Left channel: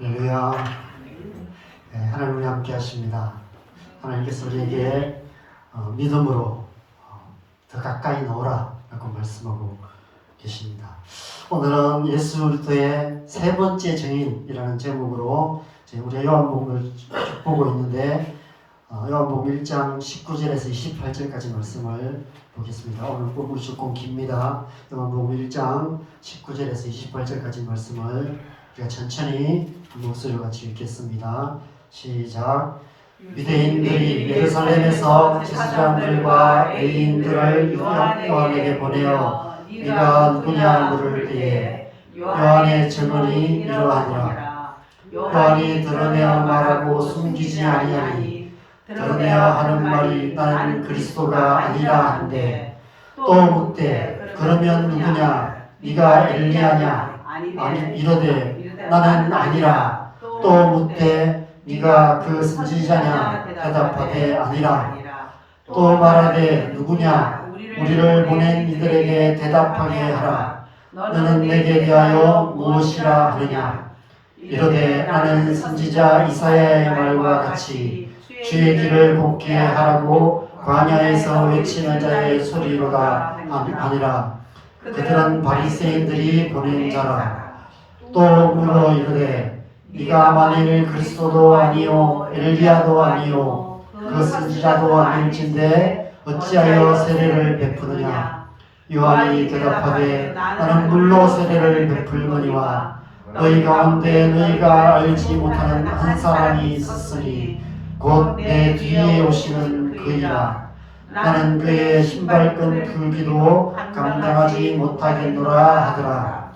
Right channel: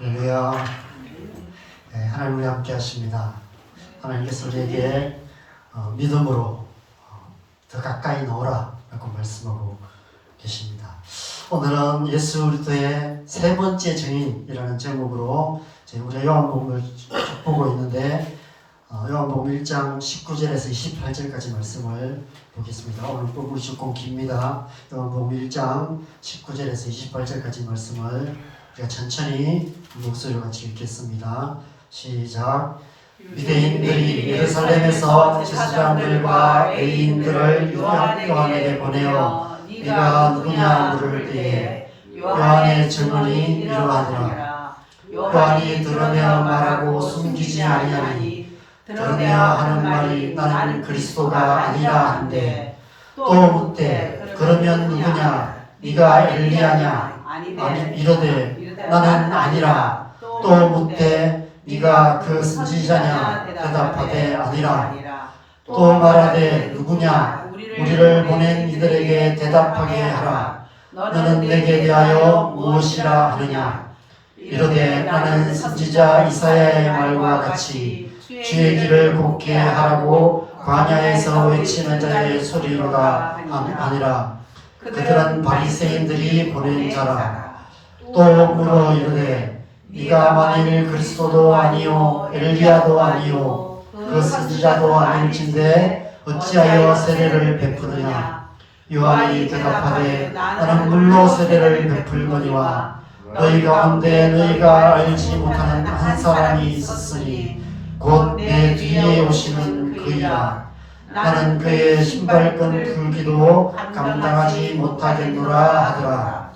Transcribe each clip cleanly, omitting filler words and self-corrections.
할렐루야. 네, 하나님이 함께 하십니다. 하나님께서 우리에게 믿음으로 더 가까이 나오라 라고 말씀하고 계십니다. 오늘은 예수 그리스도의 세 번째 증인이라는 제목으로 우리 요한복음을 보고 있는데 요한복음 1장 19절에서 28절까지 말씀을 보겠습니다. 오늘 부분이 조금 깁니다. 요한복음 1장 19절에서 28절까지 말씀을 우리가 천천히 목소리로 같이 읽겠습니다. 시작. 유대인들이 예루살렘에서 제사장들과 레위인들을 요한에게 보내어 네가 누구냐 물을 때에 요한의 증언이 이러하니라. 요한이 들으며 말하고 숨기지 아니하니 들으며 하는 말이 나는 그리스도가 아니라 한데 또 묻되 그러면 누구냐 네가 엘리야냐 아니 이르되 나는 아니라 또 묻되 네가 그 선지자냐 대답하되 아니라 또 말하되 누구냐 우리를 보낸 이들에게 대답하게 하라. 너는 내게 대하여 무엇이라 하느냐 이르되 나는 선지자 이사야의 말과 같이 주의 길을 곱게 하라고 광야에서 외치는 자의 소리로다 아니라 그들은 바리새인들이 보낸 자라. 또 물어 이르되 네가 만일 그리스도도 아니요 엘리야도 아니요 그 선지자도 아닐진데 어찌하여 세례를 베푸느냐. 요한이 대답하되 나는 물로 세례를 베풀거니와 너희 가운데 너희가 알지 못하는 한 사람이 있었으니 곧 내 뒤에 오시는 그이라. 나는 그의 신발끈 풀기도 감당하지 못하겠노라 하더라.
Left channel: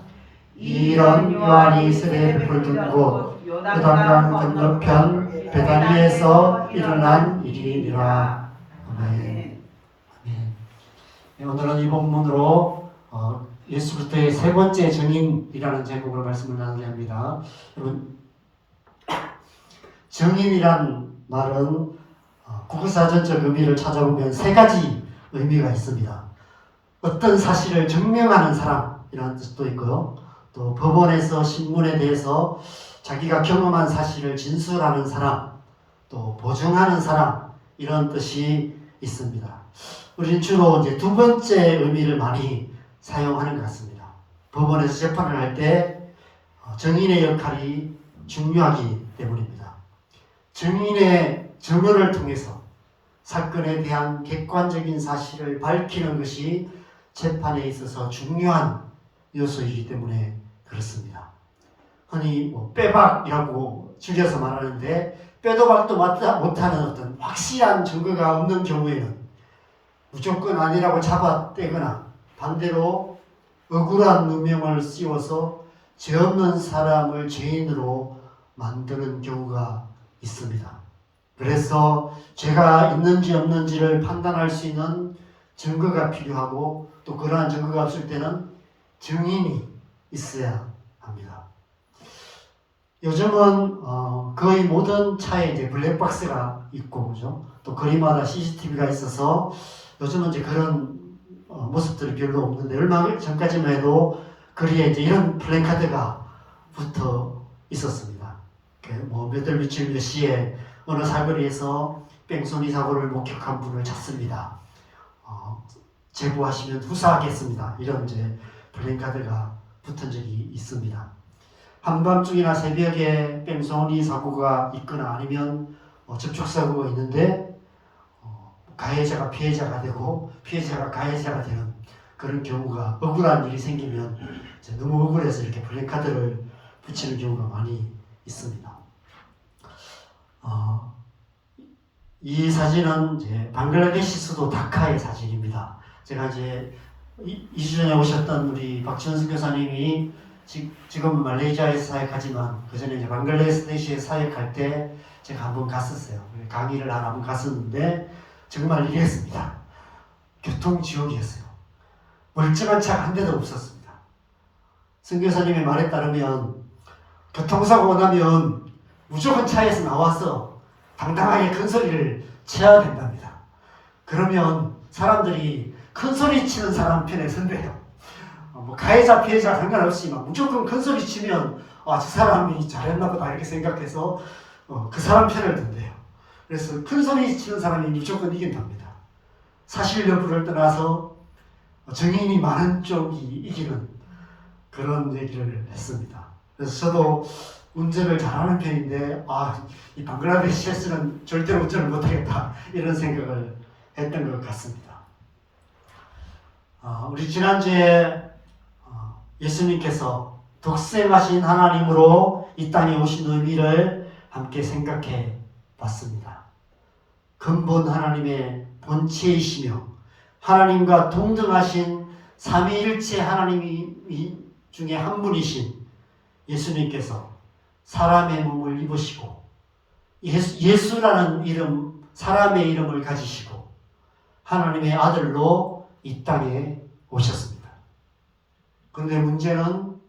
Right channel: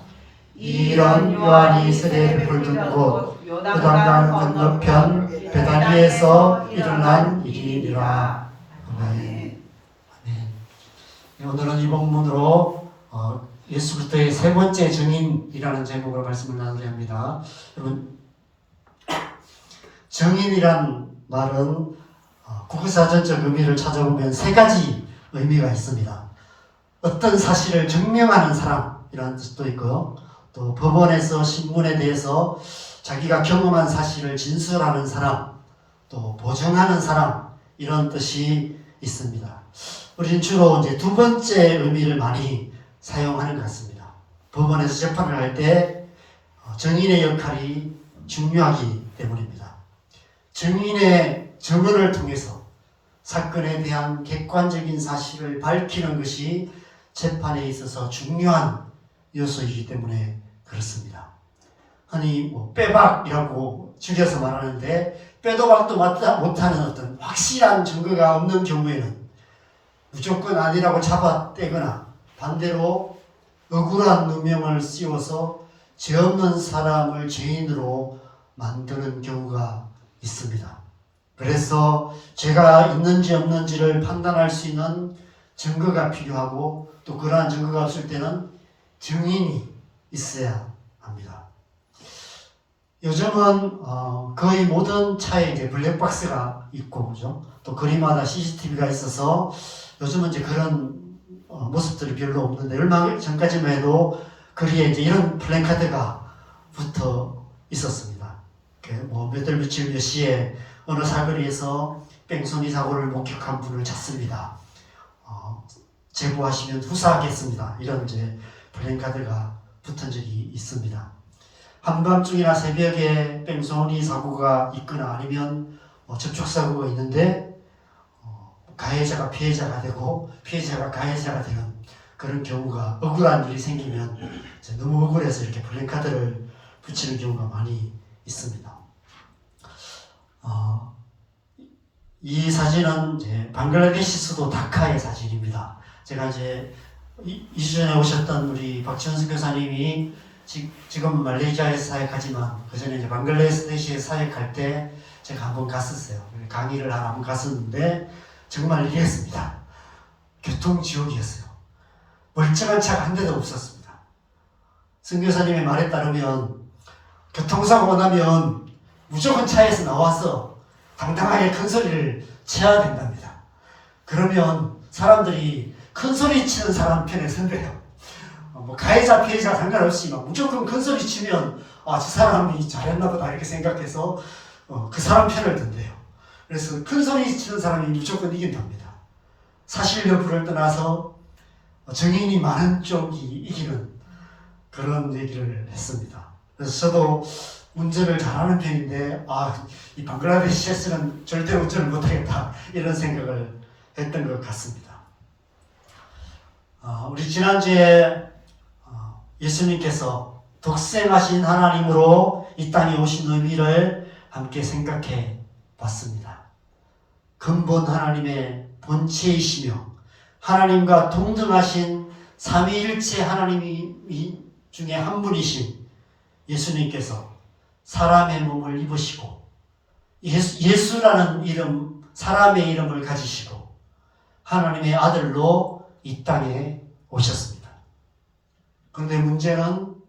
이 일은 요한이 세례 베풀던 곳 요단강 건너편 베다니에서 일어난 일이니라. 아멘. 오늘은 이 본문으로 예수 그리스도의 세 번째 증인이라는 제목으로 말씀을 나누려 합니다. 여러분, 증인이란 말은 국어사전적 의미를 찾아보면 세 가지 의미가 있습니다. 어떤 사실을 증명하는 사람이라는 뜻도 있고요. 또 법원에서 신문에 대해서 자기가 경험한 사실을 진술하는 사람, 또 보증하는 사람, 이런 뜻이 있습니다. 우리는 주로 이제 두 번째 의미를 많이 사용하는 것 같습니다. 법원에서 재판을 할 때 증인의 역할이 중요하기 때문입니다. 증인의 증언을 통해서 사건에 대한 객관적인 사실을 밝히는 것이 재판에 있어서 중요한 요소이기 때문에 그렇습니다. 흔히 빼박이라고 줄여서 말하는데 빼도 박도 못하는 어떤 확실한 증거가 없는 경우에는 무조건 아니라고 잡아떼거나 반대로 억울한 누명을 씌워서 죄 없는 사람을 죄인으로 만드는 경우가 있습니다. 그래서 죄가 있는지 없는지를 판단할 수 있는 증거가 필요하고 또 그러한 증거가 없을 때는 증인이 있어야 합니다. 요즘은 거의 모든 차에 이제 블랙박스가 있고, 그죠? 또 거리마다 CCTV가 있어서 요즘은 이제 그런 모습들이 별로 없는데 얼마 전까지만 해도 거리에 이제 이런 플래카드가 붙어 있었습니다. 몇 월 며칠 몇 시에 어느 사거리에서 뺑소니 사고를 목격한 분을 찾습니다. 제보하시면 후사하겠습니다. 이런 이제 플래카드가 붙은 적이 있습니다. 한밤중이나 새벽에 뺑소니 사고가 있거나 아니면 접촉사고가 있는데 가해자가 피해자가 되고 피해자가 가해자가 되는 그런 경우가 억울한 일이 생기면 너무 억울해서 이렇게 플래카드를 붙이는 경우가 많이 있습니다. 이 사진은 이제 방글라데시 수도 다카의 사진입니다. 제가 이제 2주 전에 오셨던 우리 박지원 교사님이 지금 말레이시아에서 사역하지만 그 전에 이제 방글라데시에 사역할 때 제가 한번 갔었어요. 강의를 한번 갔었는데 정말 이랬습니다. 교통지옥이었어요. 멀쩡한 차가 한 대도 없었습니다. 선교사님의 말에 따르면 교통사고가 나면 무조건 차에서 나와서 당당하게 큰 소리를 쳐야 된답니다. 그러면 사람들이 큰 소리 치는 사람 편에 선대요. 뭐 가해자 피해자 상관없이 막 무조건 큰 소리 치면 저 사람이 잘했나 보다 이렇게 생각해서 그 사람 편을 든대요. 그래서 큰 소리 치는 사람이 무조건 이긴답니다. 사실 여부를 떠나서 정인이 많은 쪽이 이기는 그런 얘기를 했습니다. 그래서 저도 운전을 잘하는 편인데 이 방글라데시에서는 절대로 운전을 못하겠다 이런 생각을 했던 것 같습니다. 우리 지난주에 예수님께서 독생하신 하나님으로 이 땅에 오신 의미를 함께 생각해 봤습니다. 근본 하나님의 본체이시며 하나님과 동등하신 삼위일체 하나님 중에 한 분이신 예수님께서 사람의 몸을 입으시고 예수라는 이름, 사람의 이름을 가지시고 하나님의 아들로 이 땅에 오셨습니다. 그런데 문제는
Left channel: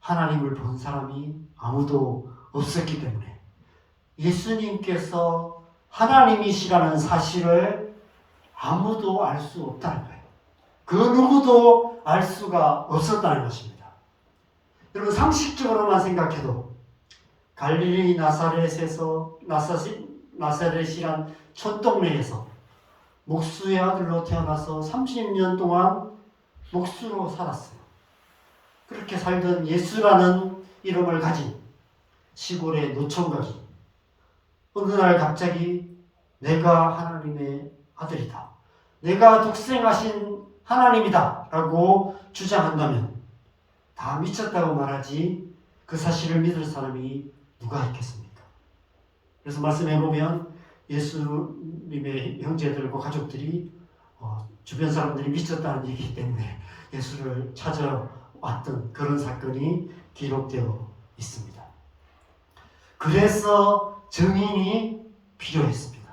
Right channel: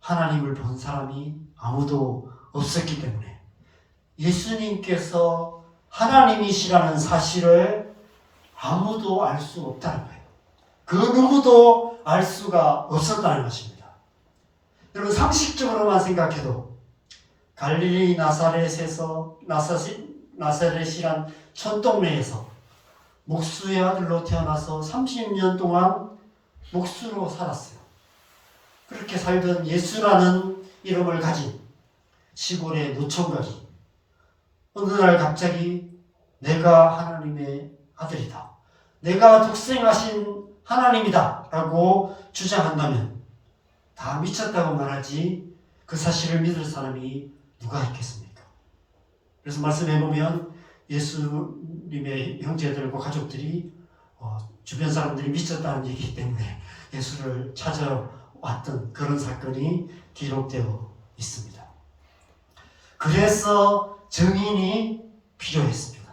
하나님을 본 사람이 아무도 없었기 때문에 예수님께서 하나님이시라는 사실을 아무도 알 수 없다는 거예요. 그 누구도 알 수가 없었다는 것입니다. 여러분 상식적으로만 생각해도 갈릴리 나사렛이란 촌동네에서 목수의 아들로 태어나서 30년 동안 목수로 살았어요. 그렇게 살던 예수라는 이름을 가진 시골의 노총각이 어느 날 갑자기 내가 하나님의 아들이다, 내가 독생하신 하나님이다 라고 주장한다면 다 미쳤다고 말하지 그 사실을 믿을 사람이 누가 있겠습니까? 그래서 말씀해보면 예수님의 형제들과 가족들이 주변 사람들이 미쳤다는 얘기이기 때문에 예수를 찾아왔던 그런 사건이 기록되어 있습니다. 그래서 증인이 필요했습니다.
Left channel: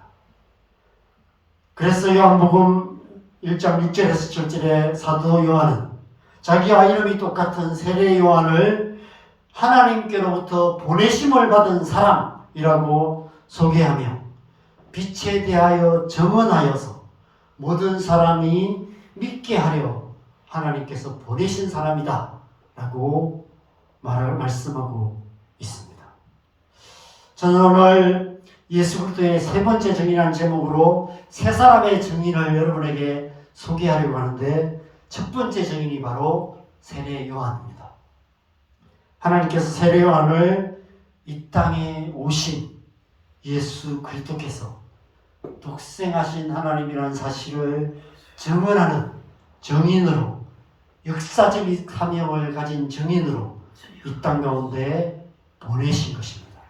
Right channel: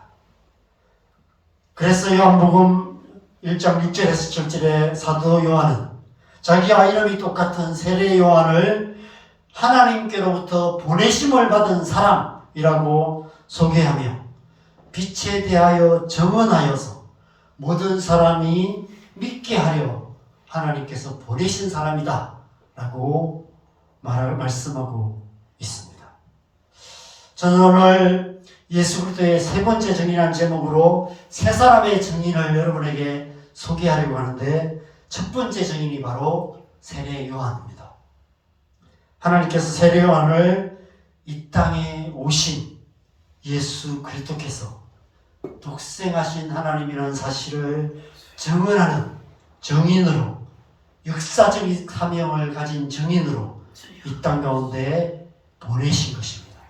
그래서 요한복음 1장 6절에서 7절에 사도 요한은 자기와 이름이 똑같은 세례 요한을 하나님께로부터 보내심을 받은 사람이라고 소개하며 빛에 대하여 증언하여서 모든 사람이 믿게 하려 하나님께서 보내신 사람이다 라고 말씀하고 있습니다. 저는 오늘 예수 그리스도의 세 번째 증인이라는 제목으로 세 사람의 증인을 여러분에게 소개하려고 하는데 첫 번째 증인이 바로 세례 요한입니다. 하나님께서 세례 요한을 이 땅에 오신 예수 그리스도께서 독생하신 하나님이라는 사실을 증언하는 증인으로, 역사적인 사명을 가진 증인으로 이 땅 가운데 보내신 것입니다.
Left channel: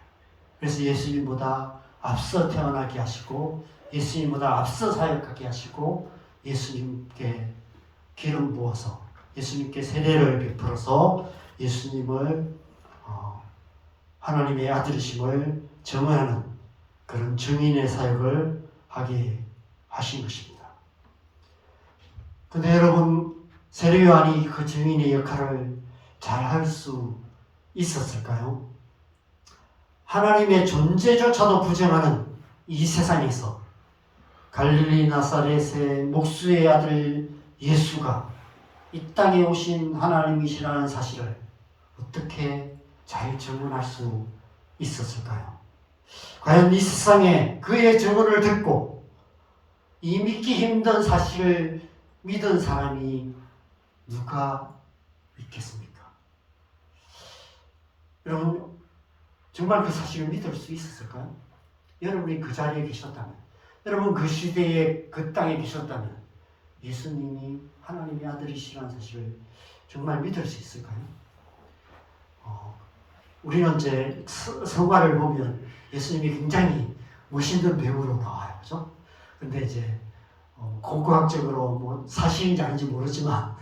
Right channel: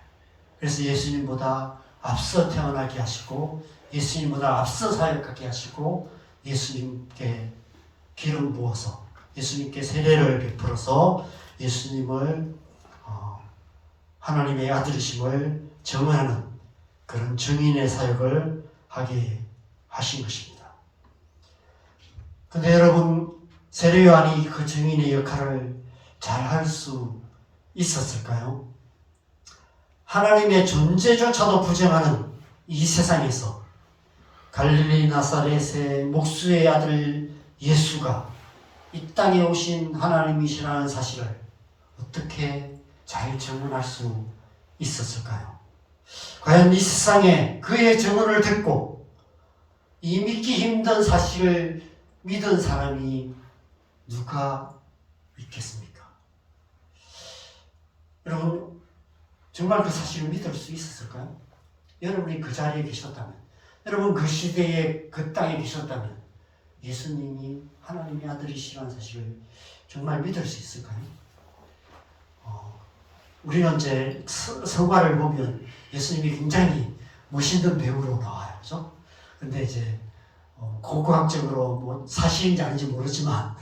그래서 예수님보다 앞서 태어나게 하시고 예수님보다 앞서 사역하게 하시고 예수님께 기름 부어서 예수님께 세례를 베풀어서 예수님을 하나님의 아들이심을 증언하는 그런 증인의 사역을 하게 하신 것입니다. 그런데 여러분, 세례 요한이 그 증인의 역할을 잘 할 수 있었을까요? 하나님의 존재조차도 부정하는 이 세상에서 갈릴리 나사렛의 목수의 아들 예수가 이 땅에 오신 하나님이시라는 사실을 어떻게 잘 증언할 수 있었을까요? 과연 이 세상에 그의 증언을 듣고 이 믿기 힘든 사실을 믿은 사람이 누가 있겠습니까? 여러분, 정말 그 사실을 믿을 수 있었을까요? 여러분이 그 자리에 계셨다면, 여러분 그 시대에 그 땅에 계셨다면 예수님이 하나님의 아들이시라는 사실을 정말 믿을 수 있을까요? 우리는 이제 성화를 보면 예수님이 굉장히 멋있는 배우로 나와요. 그죠? 근데 이제 고고학적으로 뭐 사실인지 아닌지 모르지만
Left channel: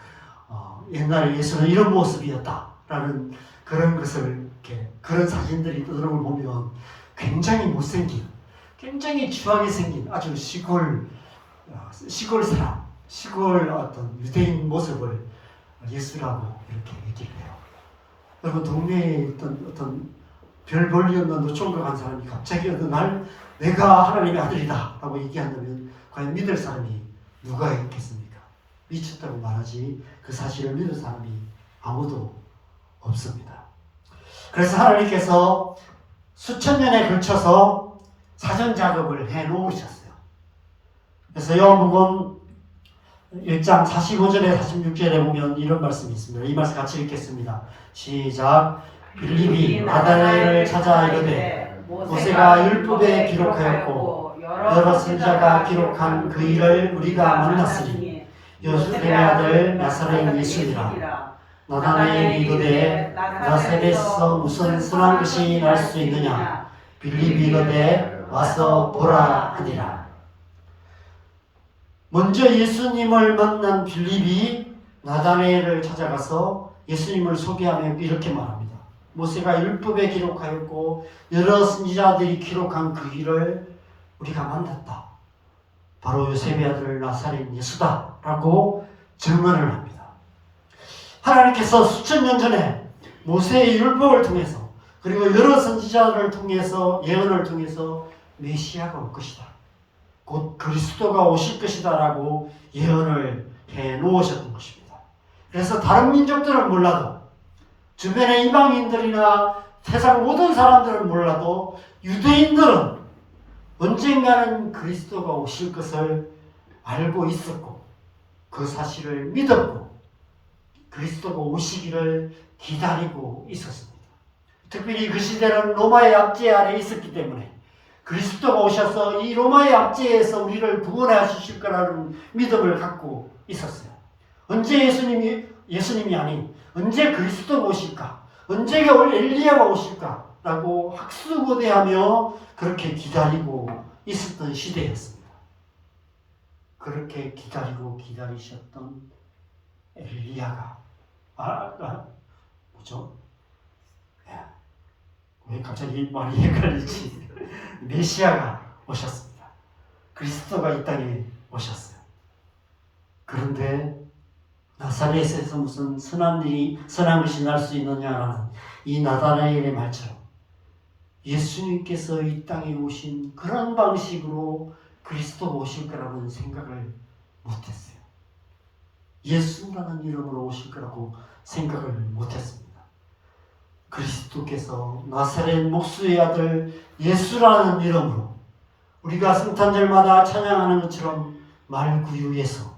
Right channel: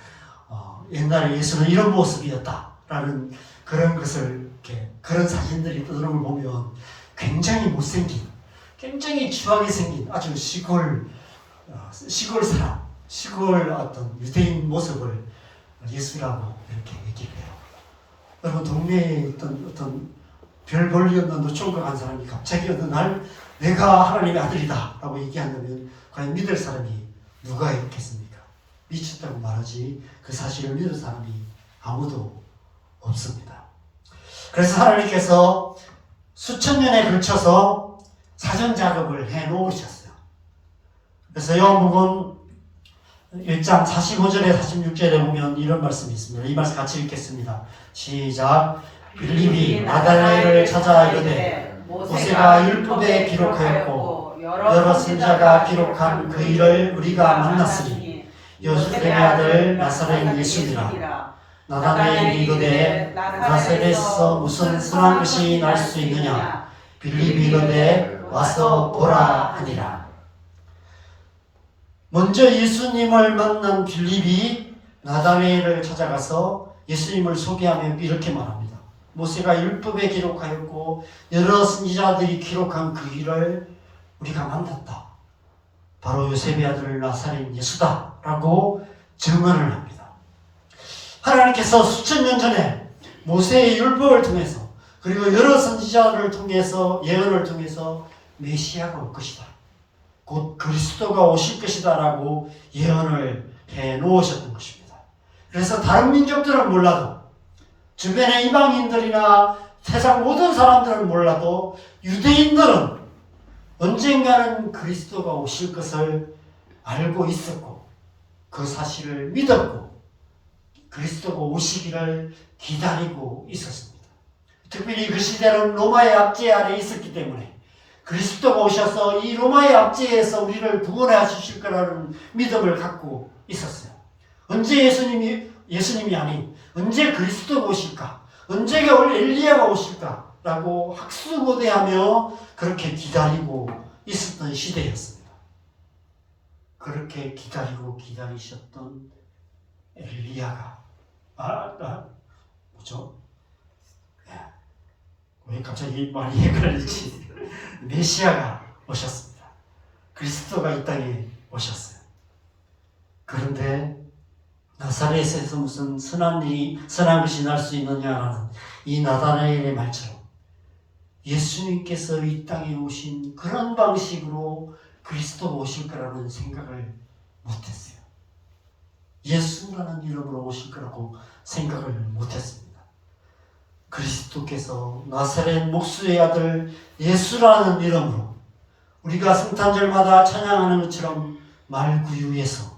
옛날에 예수는 이런 모습이었다라는 그런 것을 이렇게 그런 사진들이 떠도는 걸 보면 굉장히 못생긴, 굉장히 추하게 생긴 아주 시골 사람, 시골 어떤 유대인 모습을 예수라고 이렇게 얘기를 해요. 여러분, 동네에 있던 어떤 별 볼일 없는 노총각한 사람이 갑자기 어느 날 내가 하나님의 아들이다 라고 얘기한다면 과연 믿을 사람이 누가 있겠습니까? 미쳤다고 말하지 그 사실을 믿는 사람이 아무도 없습니다. 그래서 하나님께서 수천 년에 걸쳐서 사전 작업을 해 놓으셨어요. 그래서 요한복음 1장 45절에 46절에 보면 이런 말씀이 있습니다. 이 말씀 같이 읽겠습니다. 시작. 빌립이 나다나엘을 찾아 이르되 모세가 율법에 기록하였고 여러 선지자가 기록한 그 일을 우리가 만났으니 요셉의 아들 나사렛 예수니라. 나다나엘이 이르되 나사렛에서 무슨 선한 것이 날 수 있느냐. 빌립이 이르되 와서 보라 하니라. 먼저 예수님을 만난 빌립이 나다나엘을 찾아가서 예수님을 소개하며 이렇게 말합니다. 모세가 율법에 기록하였고 여러 선지자들이 기록한 그 일을 우리가 만났다. 바로 요셉의 아들 나사렛 예수다 라고 증언을 합니다. 하나님께서 수천 년 전에 모세의 율법을 통해서 그리고 여러 선지자들을 통해서 예언을 통해서 메시아가 올 것이다. 곧 그리스도가 오실 것이다 라고 예언을 해 놓으셨던 것입니다. 그래서 다른 민족들은 몰라도 주변의 이방인들이나 세상 모든 사람들은 몰라도 유대인들은 언젠가는 그리스도가 오실 것을 알고 있었고 그 사실을 믿었고 그리스도가 오시기를 기다리고 있었습니다. 특별히 그 시대는 로마의 압제 아래에 있었기 때문에 그리스도가 오셔서 이 로마의 압제에서 우리를 구원하실 거라는 믿음을 갖고 있었어요. 언제 예수님이 아닌 언제 그리스도가 오실까? 언제가 올 엘리야가 오실까? 라고 학수고대하며 그렇게 기다리고 있었던 시대였습니다. 그렇게 기다리고 기다리셨던 엘리야가 뭐죠? 왜 갑자기 말이 헷갈리지? 메시아가 오셨습니다. 그리스도가 이 땅에 오셨어요. 그런데 나사렛에서 무슨 선한 것이 날 수 있느냐라는 이 나다나엘의 말처럼 예수님께서 이 땅에 오신 그런 방식으로 그리스도가 오실 거라는 생각을 못했어요. 예수라는 이름으로 오실 거라고 생각을 못했습니다. 그리스도께서 나사렛 목수의 아들 예수라는 이름으로 우리가 성탄절마다 찬양하는 것처럼 말구유에서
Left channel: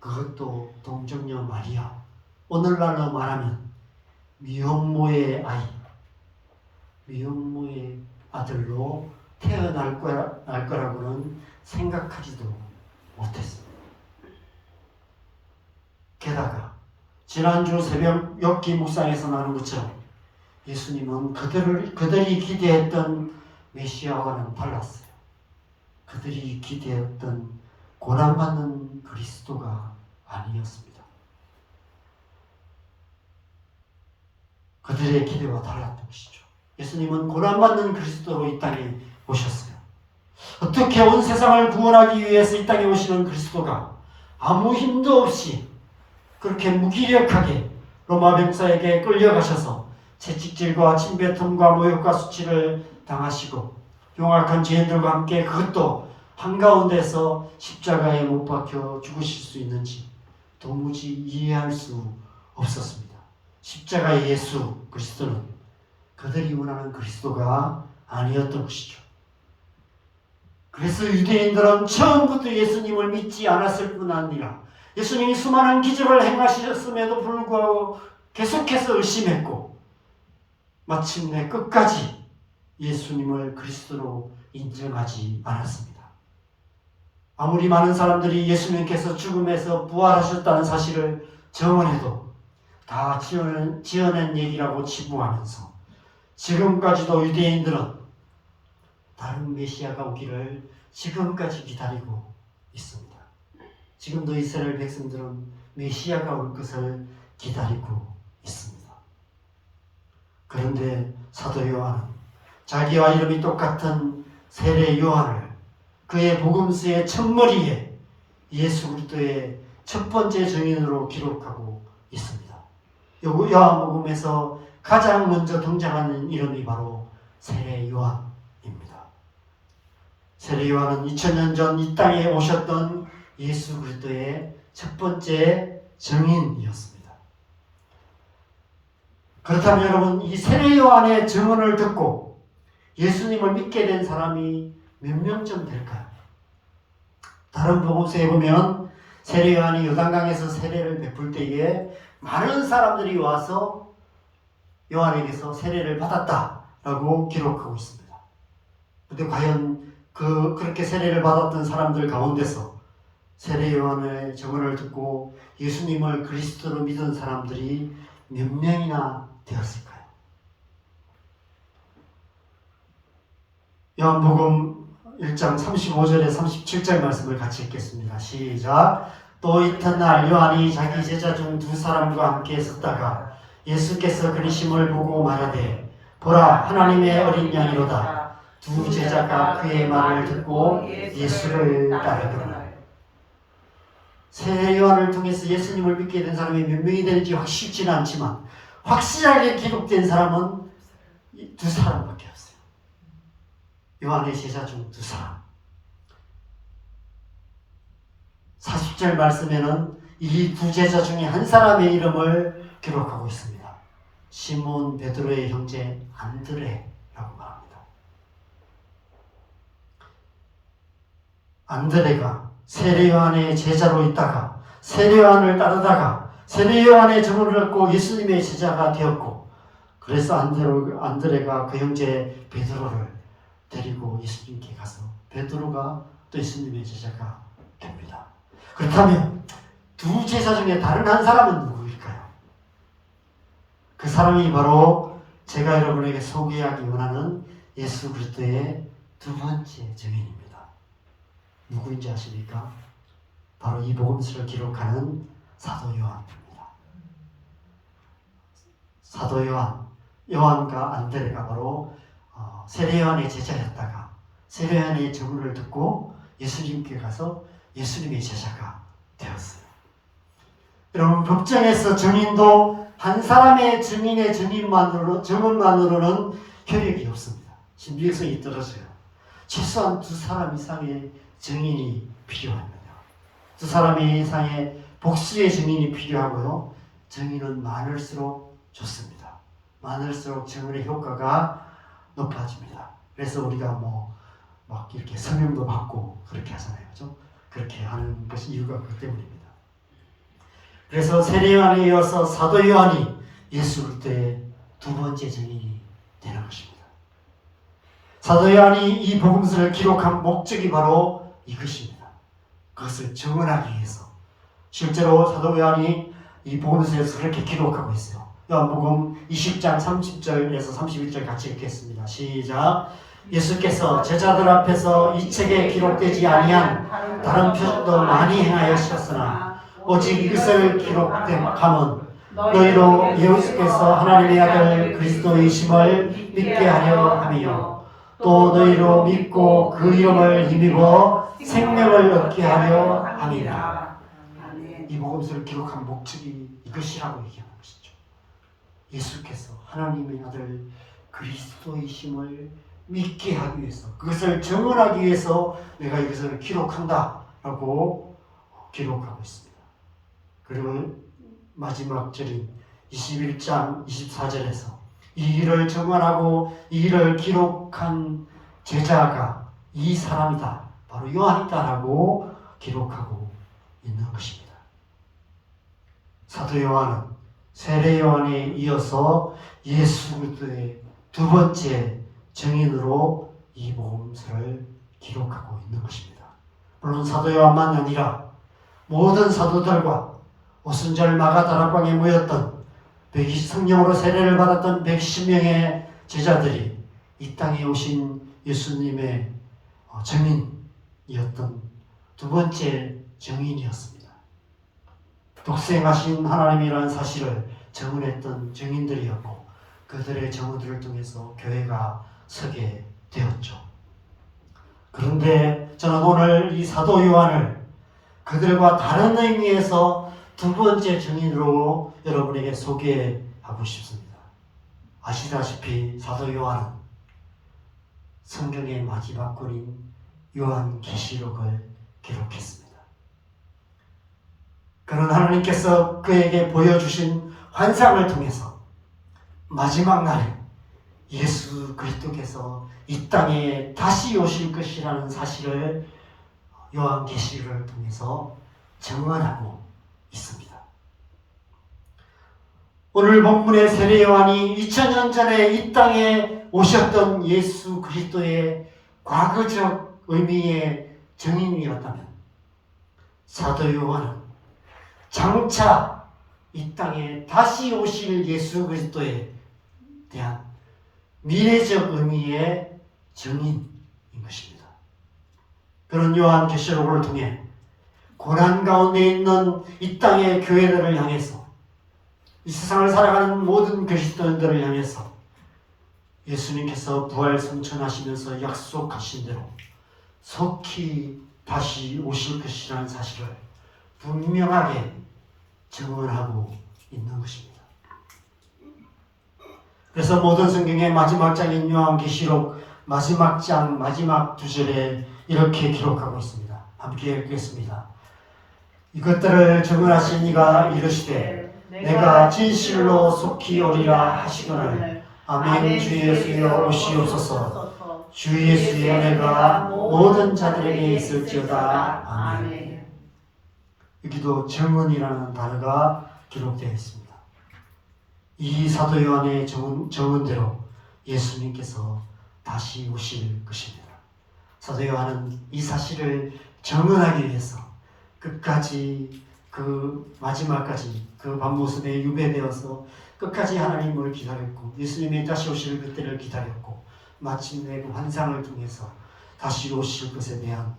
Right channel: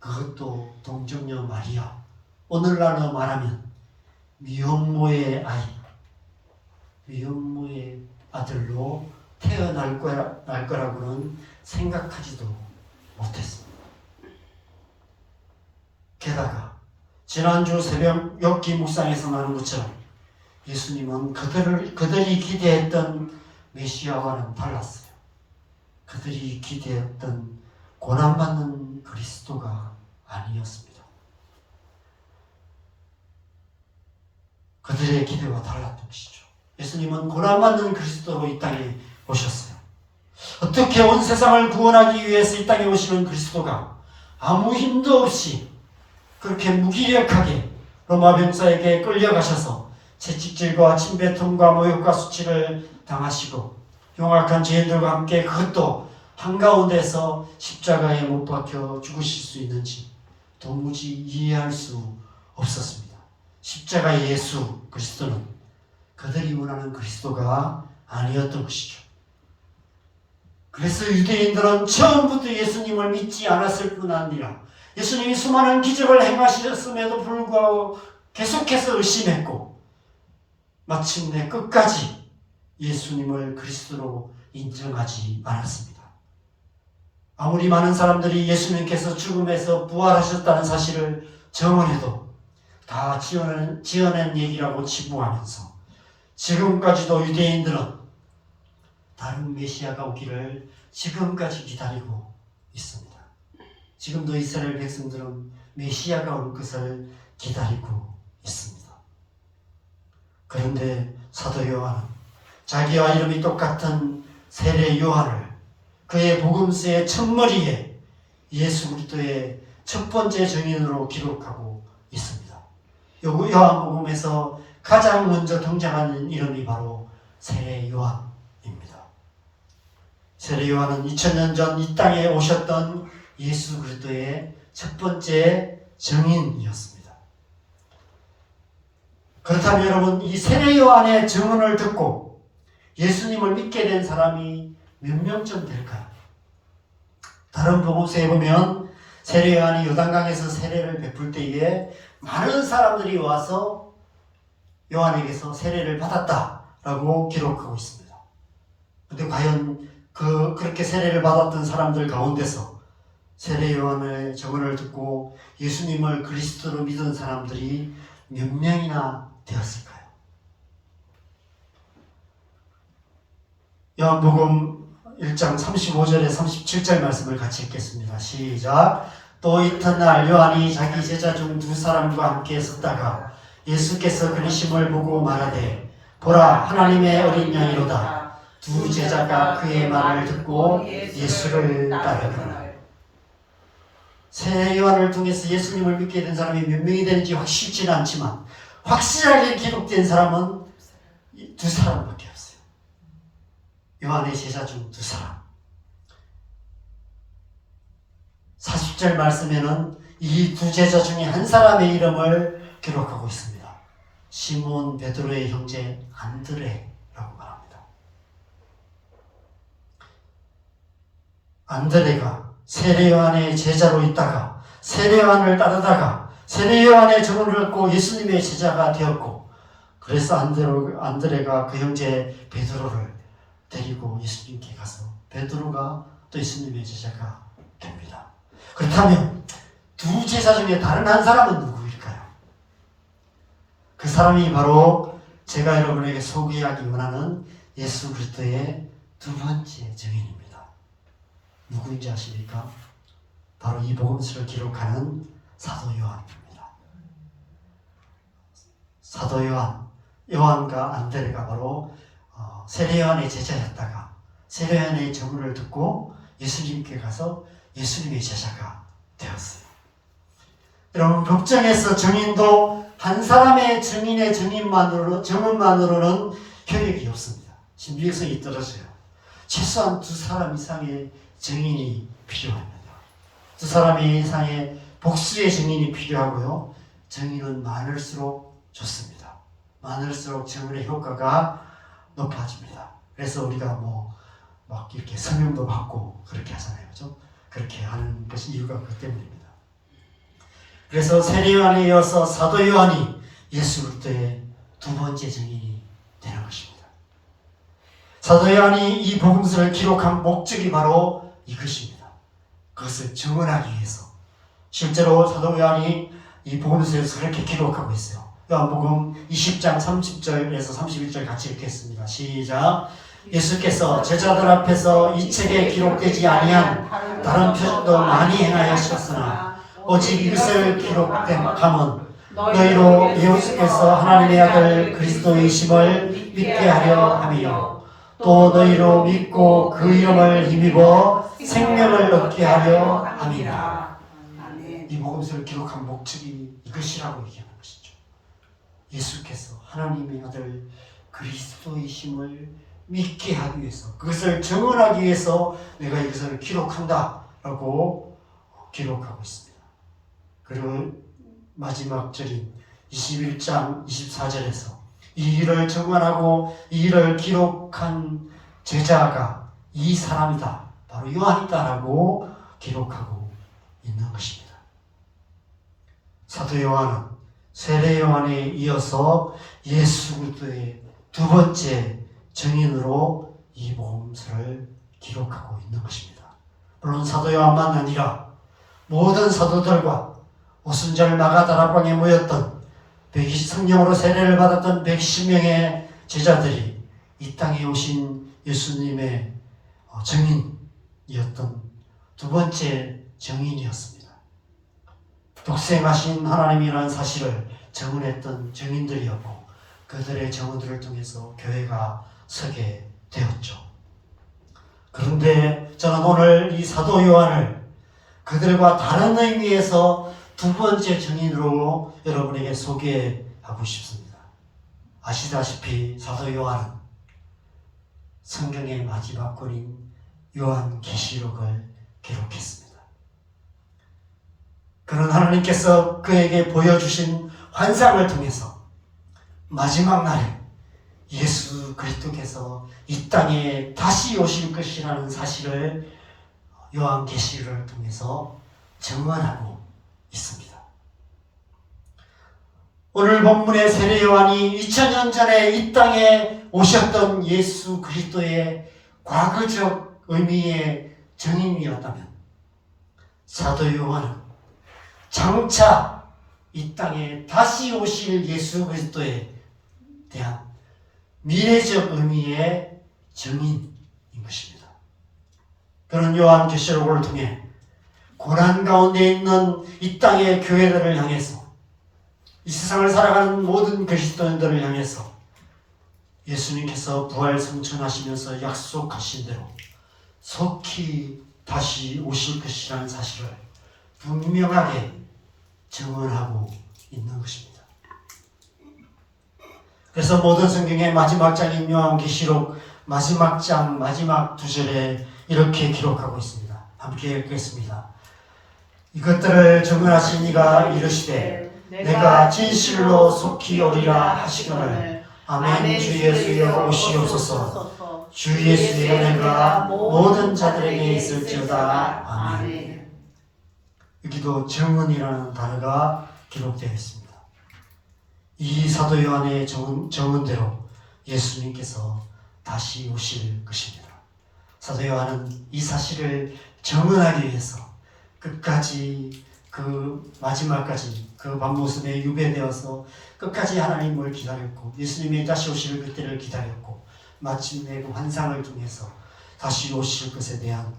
그것도 동정녀 마리아, 오늘날로 말하면 미혼모의 아이, 미혼모의 아들로 태어날 거라고는 생각하지도 못했습니다. 게다가 지난주 새벽 엽기 묵상에서 나눈 것처럼 예수님은 그들이 기대했던 메시아와는 달랐어요. 그들이 기대했던 고난받는 그리스도가 아니었습니다. 그들의 기대와 달랐던 것이죠. 예수님은 고난받는 그리스도로 이 땅에 오셨어요. 어떻게 온 세상을 구원하기 위해서 이 땅에 오시는 그리스도가 아무 힘도 없이 그렇게 무기력하게 로마 병사에게 끌려가셔서 채찍질과 침뱉음과 모욕과 수치를 당하시고 흉악한 죄인들과 함께 그것도 한가운데서 십자가에 못 박혀 죽으실 수 있는지 도무지 이해할 수 없었습니다. 십자가의 예수 그리스도는 그들이 원하는 그리스도가 아니었던 것이죠. 그래서 유대인들은 처음부터 예수님을 믿지 않았을 뿐 아니라 예수님이 수많은 기적을 행하셨음에도 불구하고 계속해서 의심했고 마침내 끝까지 예수님을 그리스도로 인정하지 않았습니다. 아무리 많은 사람들이 예수님께서 죽음에서 부활하셨다는 사실을 정언해도 다 지어낸 얘기라고 치부하면서 지금까지도 유대인들은 다른 메시아가 오기를 지금까지 기다리고 있습니다. 지금도 이스라엘 백성들은 메시아가 올 것을 기다리고 있습니다. 그런데 사도 요한은 자기와 이름이 똑같은 세례 요한을 그의 복음서의 첫머리에 예수 그리스도의 첫 번째 증인으로 기록하고 있습니다. 요한복음에서 가장 먼저 등장하는 이름이 바로 세례 요한입니다. 세례 요한은 2000년 전 이 땅에 오셨던 예수 그리스도의 첫 번째 증인이었습니다. 그렇다면 여러분, 이 세례 요한의 증언을 듣고 예수님을 믿게 된 사람이 몇 명쯤 될까요? 다른 복음서에 보면 세례 요한이 요단강에서 세례를 베풀 때에 많은 사람들이 와서 요한에게서 세례를 받았다라고 기록하고 있습니다. 그런데 과연 그렇게 세례를 받았던 사람들 가운데서 세례 요한의 증언을 듣고 예수님을 그리스도로 믿은 사람들이 몇 명이나 되었을까요? 요한복음 1장 35절에 37절 말씀을 같이 읽겠습니다. 시작. 또 이튿날 요한이 자기 제자 중 두 사람과 함께 있었다가 예수께서 그리심을 보고 말하되 보라 하나님의 어린 양이로다. 두 제자가 그의 말을 듣고 예수를 따르더라. 세례 요한을 통해서 예수님을 믿게 된 사람이 몇 명이 되는지 확실치는 않지만 확실하게 기록된 사람은 두 사람밖에 없어요. 요한의 제자 중 두 사람. 40절 말씀에는 이 두 제자 중에 한 사람의 이름을 기록하고 있습니다. 시몬 베드로의 형제 안드레라고 말합니다. 안드레가 세례 요한의 제자로 있다가 세례 요한을 따르다가 세례 요한의 증언을 듣고 예수님의 제자가 되었고, 그래서 안드레가 그 형제 베드로를 데리고 예수님께 가서 베드로가 또 예수님의 제자가 됩니다. 그렇다면 두 제자 중에 다른 한 사람은 누구일까요? 그 사람이 바로 제가 여러분에게 소개하기 원하는 예수 그리스도의 두 번째 증인입니다. 누구인지 아십니까? 바로 이 복음서를 기록하는 사도 요한입니다. 사도 요한과 안드레가 바로 세례 요한의 제자였다가 세례 요한의 증언을 듣고 예수님께 가서 예수님의 제자가 되었어요. 여러분, 법정에서 증인도 한 사람의 증인의 증언만으로는 효력이 없습니다. 신빙성이 떨어져요. 최소한 두 사람 이상의 증인이 필요합니다. 두 사람 이상의 복수의 증인이 필요하고요. 증인은 많을수록 좋습니다. 많을수록 증언의 효과가 높아집니다. 그래서 우리가 막 이렇게 성명도 받고 그렇게 하잖아요. 그죠? 그렇게 하는 것이 이유가 그 때문입니다. 그래서 세례 요한에 이어서 사도 요한이 예수 그리스도의 두 번째 증인이 되는 것입니다. 사도 요한이 이 복음서를 기록한 목적이 바로 이것입니다. 그것을 증언하기 위해서. 실제로 사도 요한이 이 복음서에서 그렇게 기록하고 있어요. 요한복음 20장 30절에서 31절 같이 읽겠습니다. 시작. 예수께서 제자들 앞에서 이 책에 기록되지 아니한 다른 표적도 많이 행하셨으나 오직 이것을 기록함은 너희로 예수께서 하나님의 아들 그리스도이심을 믿게 하려 함이요 또 너희로 믿고 그 이름을 힘입어 생명을 얻게 하려 함이라. 이 복음서를 기록한 목적이 이것이라고 얘기하는 것이죠. 예수께서 하나님의 아들 그리스도이심을 믿게 하기 위해서, 그것을 증언하기 위해서 내가 이것을 기록한다라고 기록하고 있습니다. 그리고 마지막 절인 21장 24절에서 이 일을 증언하고 이 일을 기록한 제자가 이 사람이다, 바로 요한이다라고 기록하고 있는 것입니다. 사도 요한은 세례 요한에 이어서 예수 그리스도의 두 번째 증인으로 이 복음서를 기록하고 있는 것입니다. 물론 사도 요한만 아니라 모든 사도들과 오순절 마가다락방에 모였던 성령으로 세례를 받았던 110명의 제자들이 이 땅에 오신 예수님의 증인이었던 두 번째 증인이었습니다. 독생하신 하나님이라는 사실을 증언했던 증인들이었고, 그들의 증언들을 통해서 교회가 서게 되었죠. 그런데 저는 오늘 이 사도 요한을 그들과 다른 의미에서 두 번째 증인으로 여러분에게 소개하고 싶습니다. 아시다시피 사도 요한은 성경의 마지막 권인 요한계시록을 기록했습니다. 그런 하나님께서 그에게 보여주신 환상을 통해서 마지막 날에 예수 그리스도께서 이 땅에 다시 오실 것이라는 사실을 요한계시를 통해서 증언하고 있습니다. 오늘 본문의 세례 요한이 2000년 전에 이 땅에 오셨던 예수 그리스도의 과거적 의미의 증인이었다면, 사도 요한은 장차 이 땅에 다시 오실 예수 그리스도에 대한 미래적 의미의 증인인 것입니다. 그런 요한계시록을 통해 고난 가운데 있는 이 땅의 교회들을 향해서, 이 세상을 살아가는 모든 그리스도인들을 향해서 예수님께서 부활 승천하시면서 약속하신 대로 속히 다시 오실 것이라는 사실을 분명하게 증언하고 있는 것입니다. 그래서 모든 성경의 마지막 장인 요한계시록 마지막 장 마지막 두 절에 이렇게 기록하고 있습니다. 함께 읽겠습니다. 이것들을 증언하신 이가 이르시되 내가 진실로 속히 오리라 하시거늘 아멘. 주 예수여 오시옵소서. 주 예수의 은혜가 모든 자들에게 있을지어다. 아멘. 여기도 증언이라는 단어가 기록되어 있습니다. 이 사도 요한의 증언대로 예수님께서 다시 오실 것입니다. 사도 요한은 이 사실을 증언하기 위해서 끝까지, 그 마지막까지 그 밤모습에 유배되어서 끝까지 하나님을 기다렸고, 예수님이 다시 오실 그때를 기다렸고, 마침내 그 환상을 통해서 다시 오실 것에 대한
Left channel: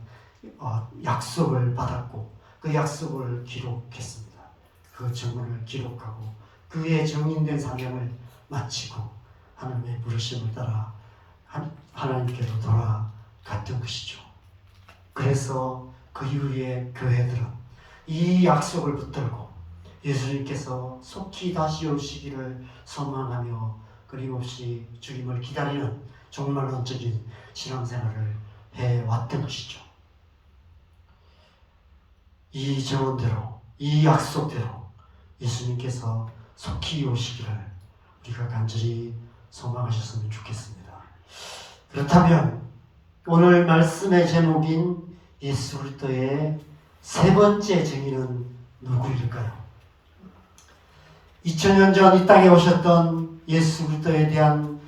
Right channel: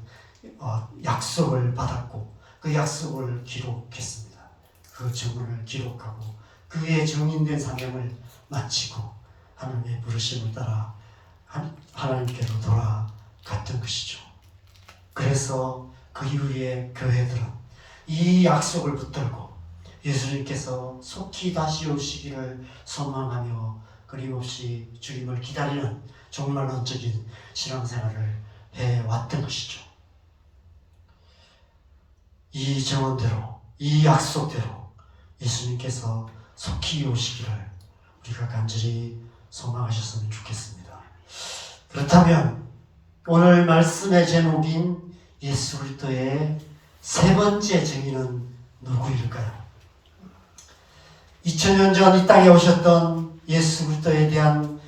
약속을 받았고, 그 약속을 기록했습니다. 그 증언을 기록하고 그의 증인된 사명을 마치고 하나님의 부르심을 따라 하나님께로 돌아갔던 것이죠. 그래서 그 이후에 교회들은 이 약속을 붙들고 예수님께서 속히 다시 오시기를 소망하며 끊임없이 주님을 기다리는 정말 원적인 신앙생활을 해왔던 것이죠. 이 증언대로, 이 약속대로 예수님께서 속히 오시기를 우리가 간절히 소망하셨으면 좋겠습니다. 그렇다면 오늘 말씀의 제목인 예수 그리스도의 세 번째 증인은 누구일까요? 2000년 전 이 땅에 오셨던 예수 그리스도에 대한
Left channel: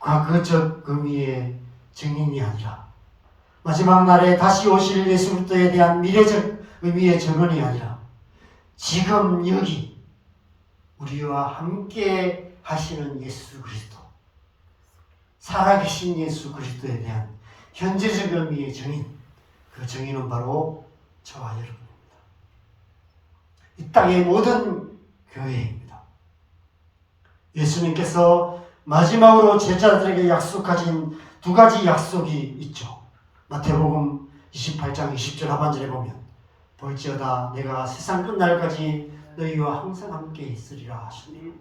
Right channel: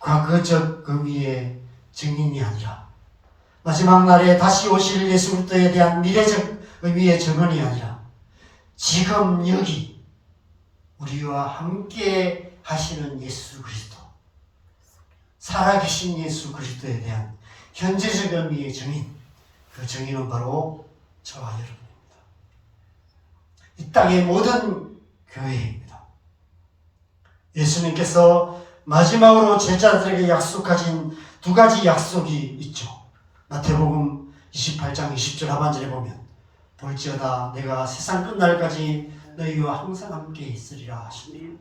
과거적 의미의 증인이 아니라, 마지막 날에 다시 오실 예수 그리스도에 대한 미래적 의미의 증언이 아니라, 지금 여기 우리와 함께 하시는 예수 그리스도, 살아계신 예수 그리스도에 대한 현재적 의미의 증인, 그 증인은 바로 저와 여러분입니다. 이 땅의 모든 교회입니다. 예수님께서 마지막으로 제자들에게 약속하신 두 가지 약속이 있죠. 마태복음 28장 20절 하반절에 보면 볼지어다 내가 세상 끝날까지 너희와 항상 함께 있으리라 하시네요.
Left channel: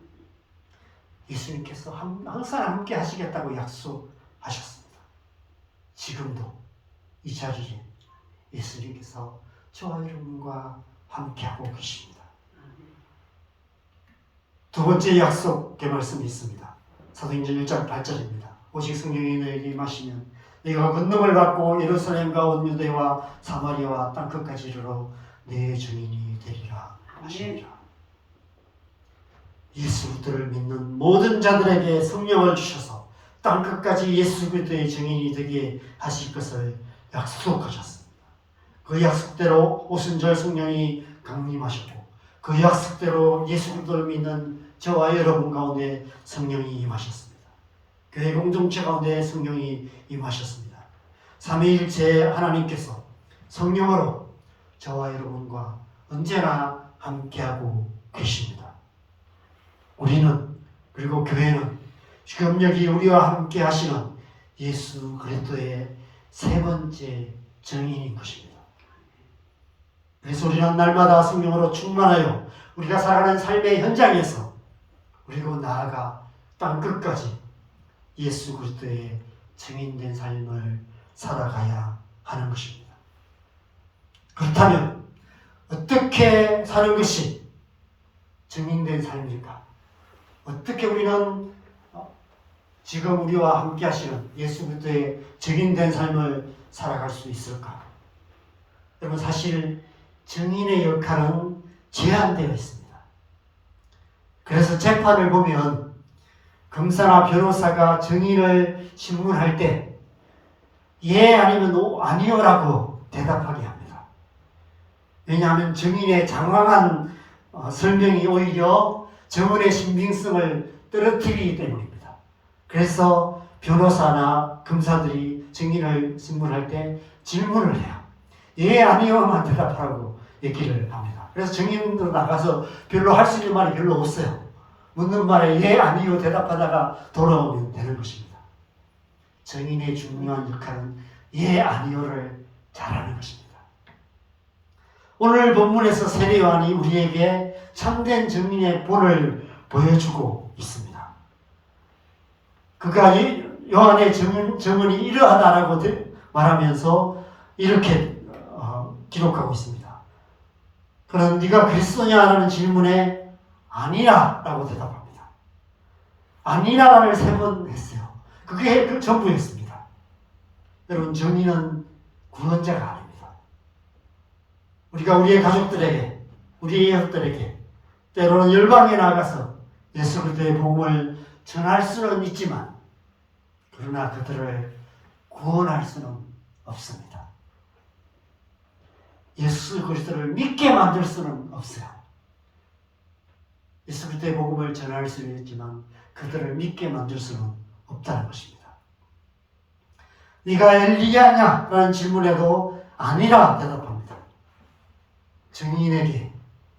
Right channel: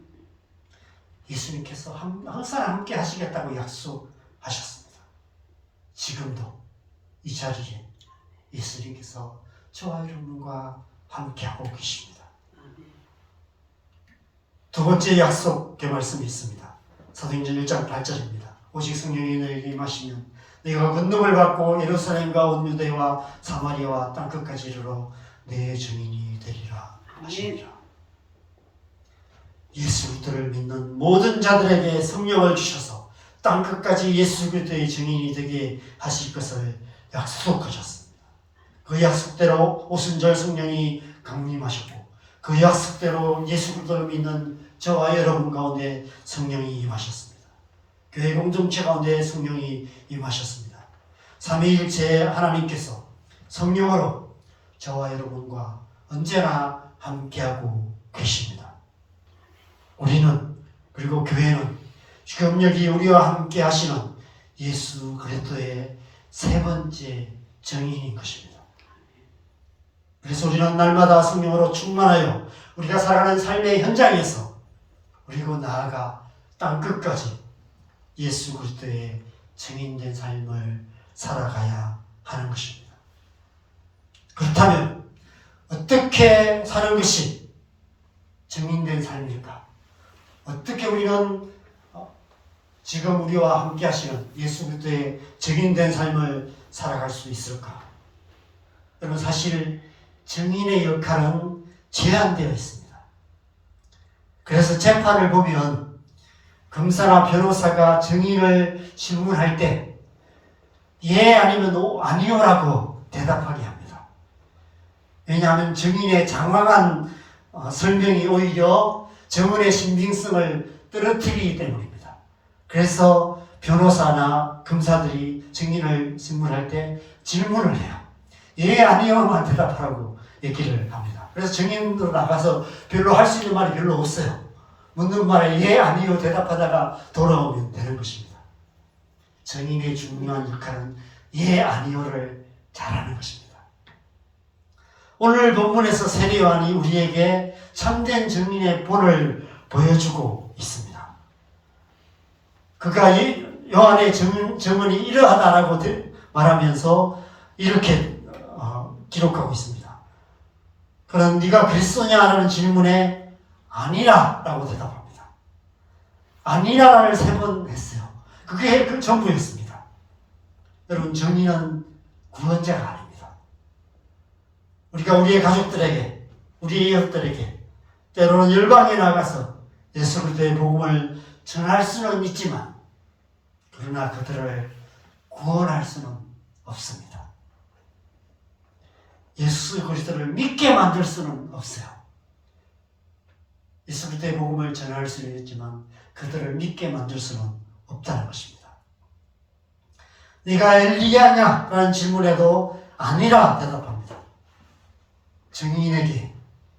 예수님께서 항상 함께 하시겠다고 약속하셨습니다. 지금도 이 자리에 예수님께서 저와 여러분과 함께하고 계십니다. 두 번째 약속의 말씀이 있습니다. 사도행전 1장 8절입니다. 오직 성령이 너희에게 임하시면 네가 권능을 받고 예루살렘과 온 유대와 사마리아와 땅끝까지 이르러 내 증인이 되리라 하시니라. 예수 그리스도를 믿는 모든 자들에게 성령을 주셔서 땅끝까지 예수 그리스도의 증인이 되게 하실 것을 약속하셨습니다. 그 약속대로 오순절 성령이 강림하셨고, 그 약속대로 예수 그리스도를 믿는 저와 여러분 가운데 성령이 임하셨습니다. 교회 공동체 가운데 성령이 임하셨습니다. 삼위일체 하나님께서 성령으로 저와 여러분과 언제나 함께하고 계십니다. 우리는, 그리고 교회는 지금 여기 우리와 함께 하시는 예수 그리스도의 세 번째 증인인 것입니다. 그래서 우리는 날마다 성령으로 충만하여 우리가 살아가는 삶의 현장에서, 그리고 나아가 땅끝까지 예수 그리스도의 증인된 삶을 살아가야 하는 것입니다. 그렇다면 어떻게 사는 것이 증인된 삶일까? 어떻게 우리는 지금 우리와 함께 하시는 예수 그리스도의 증인된 삶을 살아갈 수 있을까? 여러분, 사실 증인의 역할은 제한되어 있습니다. 그래서 재판을 보면 검사나 변호사가 증인을 신문할 때 예 아니면 아니요라고 대답하게 합니다. 왜냐하면 증인의 장황한 설명이 오히려 증언의 신빙성을 떨어뜨리기 때문입니다. 그래서 변호사나 검사들이 증인을 신문할 때 질문을 해요. 예 아니요만 대답하라고 얘기를 합니다. 그래서 증인으로 나가서 별로 할 수 있는 말이 별로 없어요. 묻는 말에 예 아니요 대답하다가 돌아오면 되는 것입니다. 증인의 중요한 역할은 예 아니요를 잘하는 것입니다. 오늘 본문에서 세례 요한이 우리에게 참된 증인의 본을 보여주고 있습니다. 그가 요한의 증언이 이러하다라고 말하면서 이렇게 기록하고 있습니다. 그런 네가 그리스도냐 하는 질문에 아니라 라고 대답합니다. 아니라를 3번 했어요. 그게 그 전부였습니다. 여러분, 증인은 구원자가 아닙니다. 우리가 우리의 가족들에게, 우리의 이웃들에게 때로는 열방에 나가서 예수 그리스도의 복음을 전할 수는 있지만 그러나 그들을 구원할 수는 없습니다. 예수 그리스도를 믿게 만들 수는 없어요. 예수 그리스도의 복음을 전할 수는 있지만 그들을 믿게 만들 수는 없다는 것입니다. 네가 엘리야냐? 라는 질문에도 아니라 대답합니다. 증인에게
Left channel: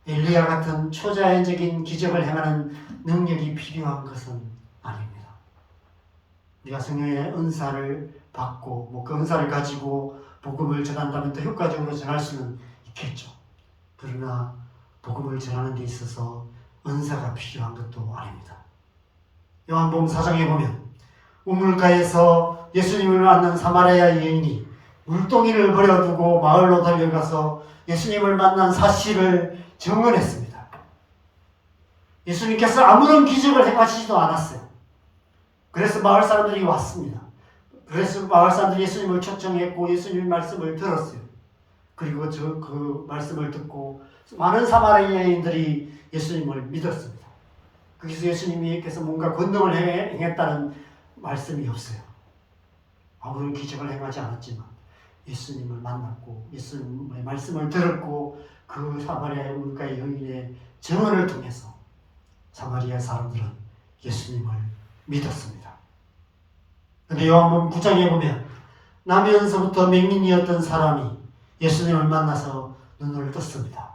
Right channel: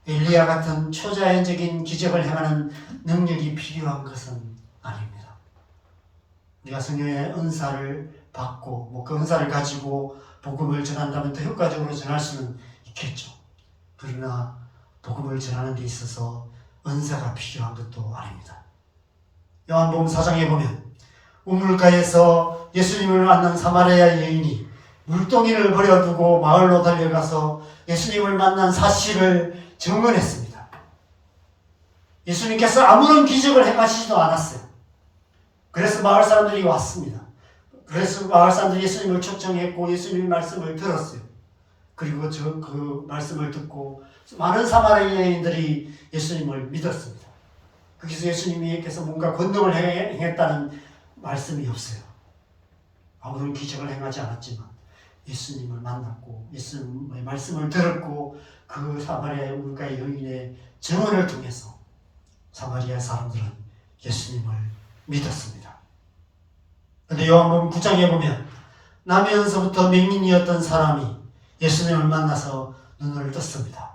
엘리야 같은 초자연적인 기적을 행하는 능력이 필요한 것은 아닙니다. 네가 성령의 은사를 받고 그 은사를 가지고 복음을 전한다면 더 효과적으로 전할 수는 있겠죠. 그러나 복음을 전하는 데 있어서 은사가 필요한 것도 아닙니다. 요한복음 4장에 보면 우물가에서 예수님을 만난 사마리아 여인이 물동이를 버려두고 마을로 달려가서 예수님을 만난 사실을 증언했습니다. 예수님께서 아무런 기적을 행하시지도 않았어요. 그래서 마을 사람들이 왔습니다. 그래서 마을 사람들이 예수님을 초청했고 예수님의 말씀을 들었어요. 그리고 그 말씀을 듣고 많은 사마리아 여인들이 예수님을 믿었습니다. 거기서 예수님께서 뭔가 권능을 행했다는 말씀이 없어요. 아무런 기적을 행하지 않았지만 예수님을 만났고 예수님의 말씀을 들었고 그 사마리아 물가의 여인의 증언을 통해서 사마리아 사람들은 예수님을 믿었습니다. 그런데 요한복음 9장에 보면 나면서부터 맹인이었던 사람이 예수님을 만나서 눈을 떴습니다.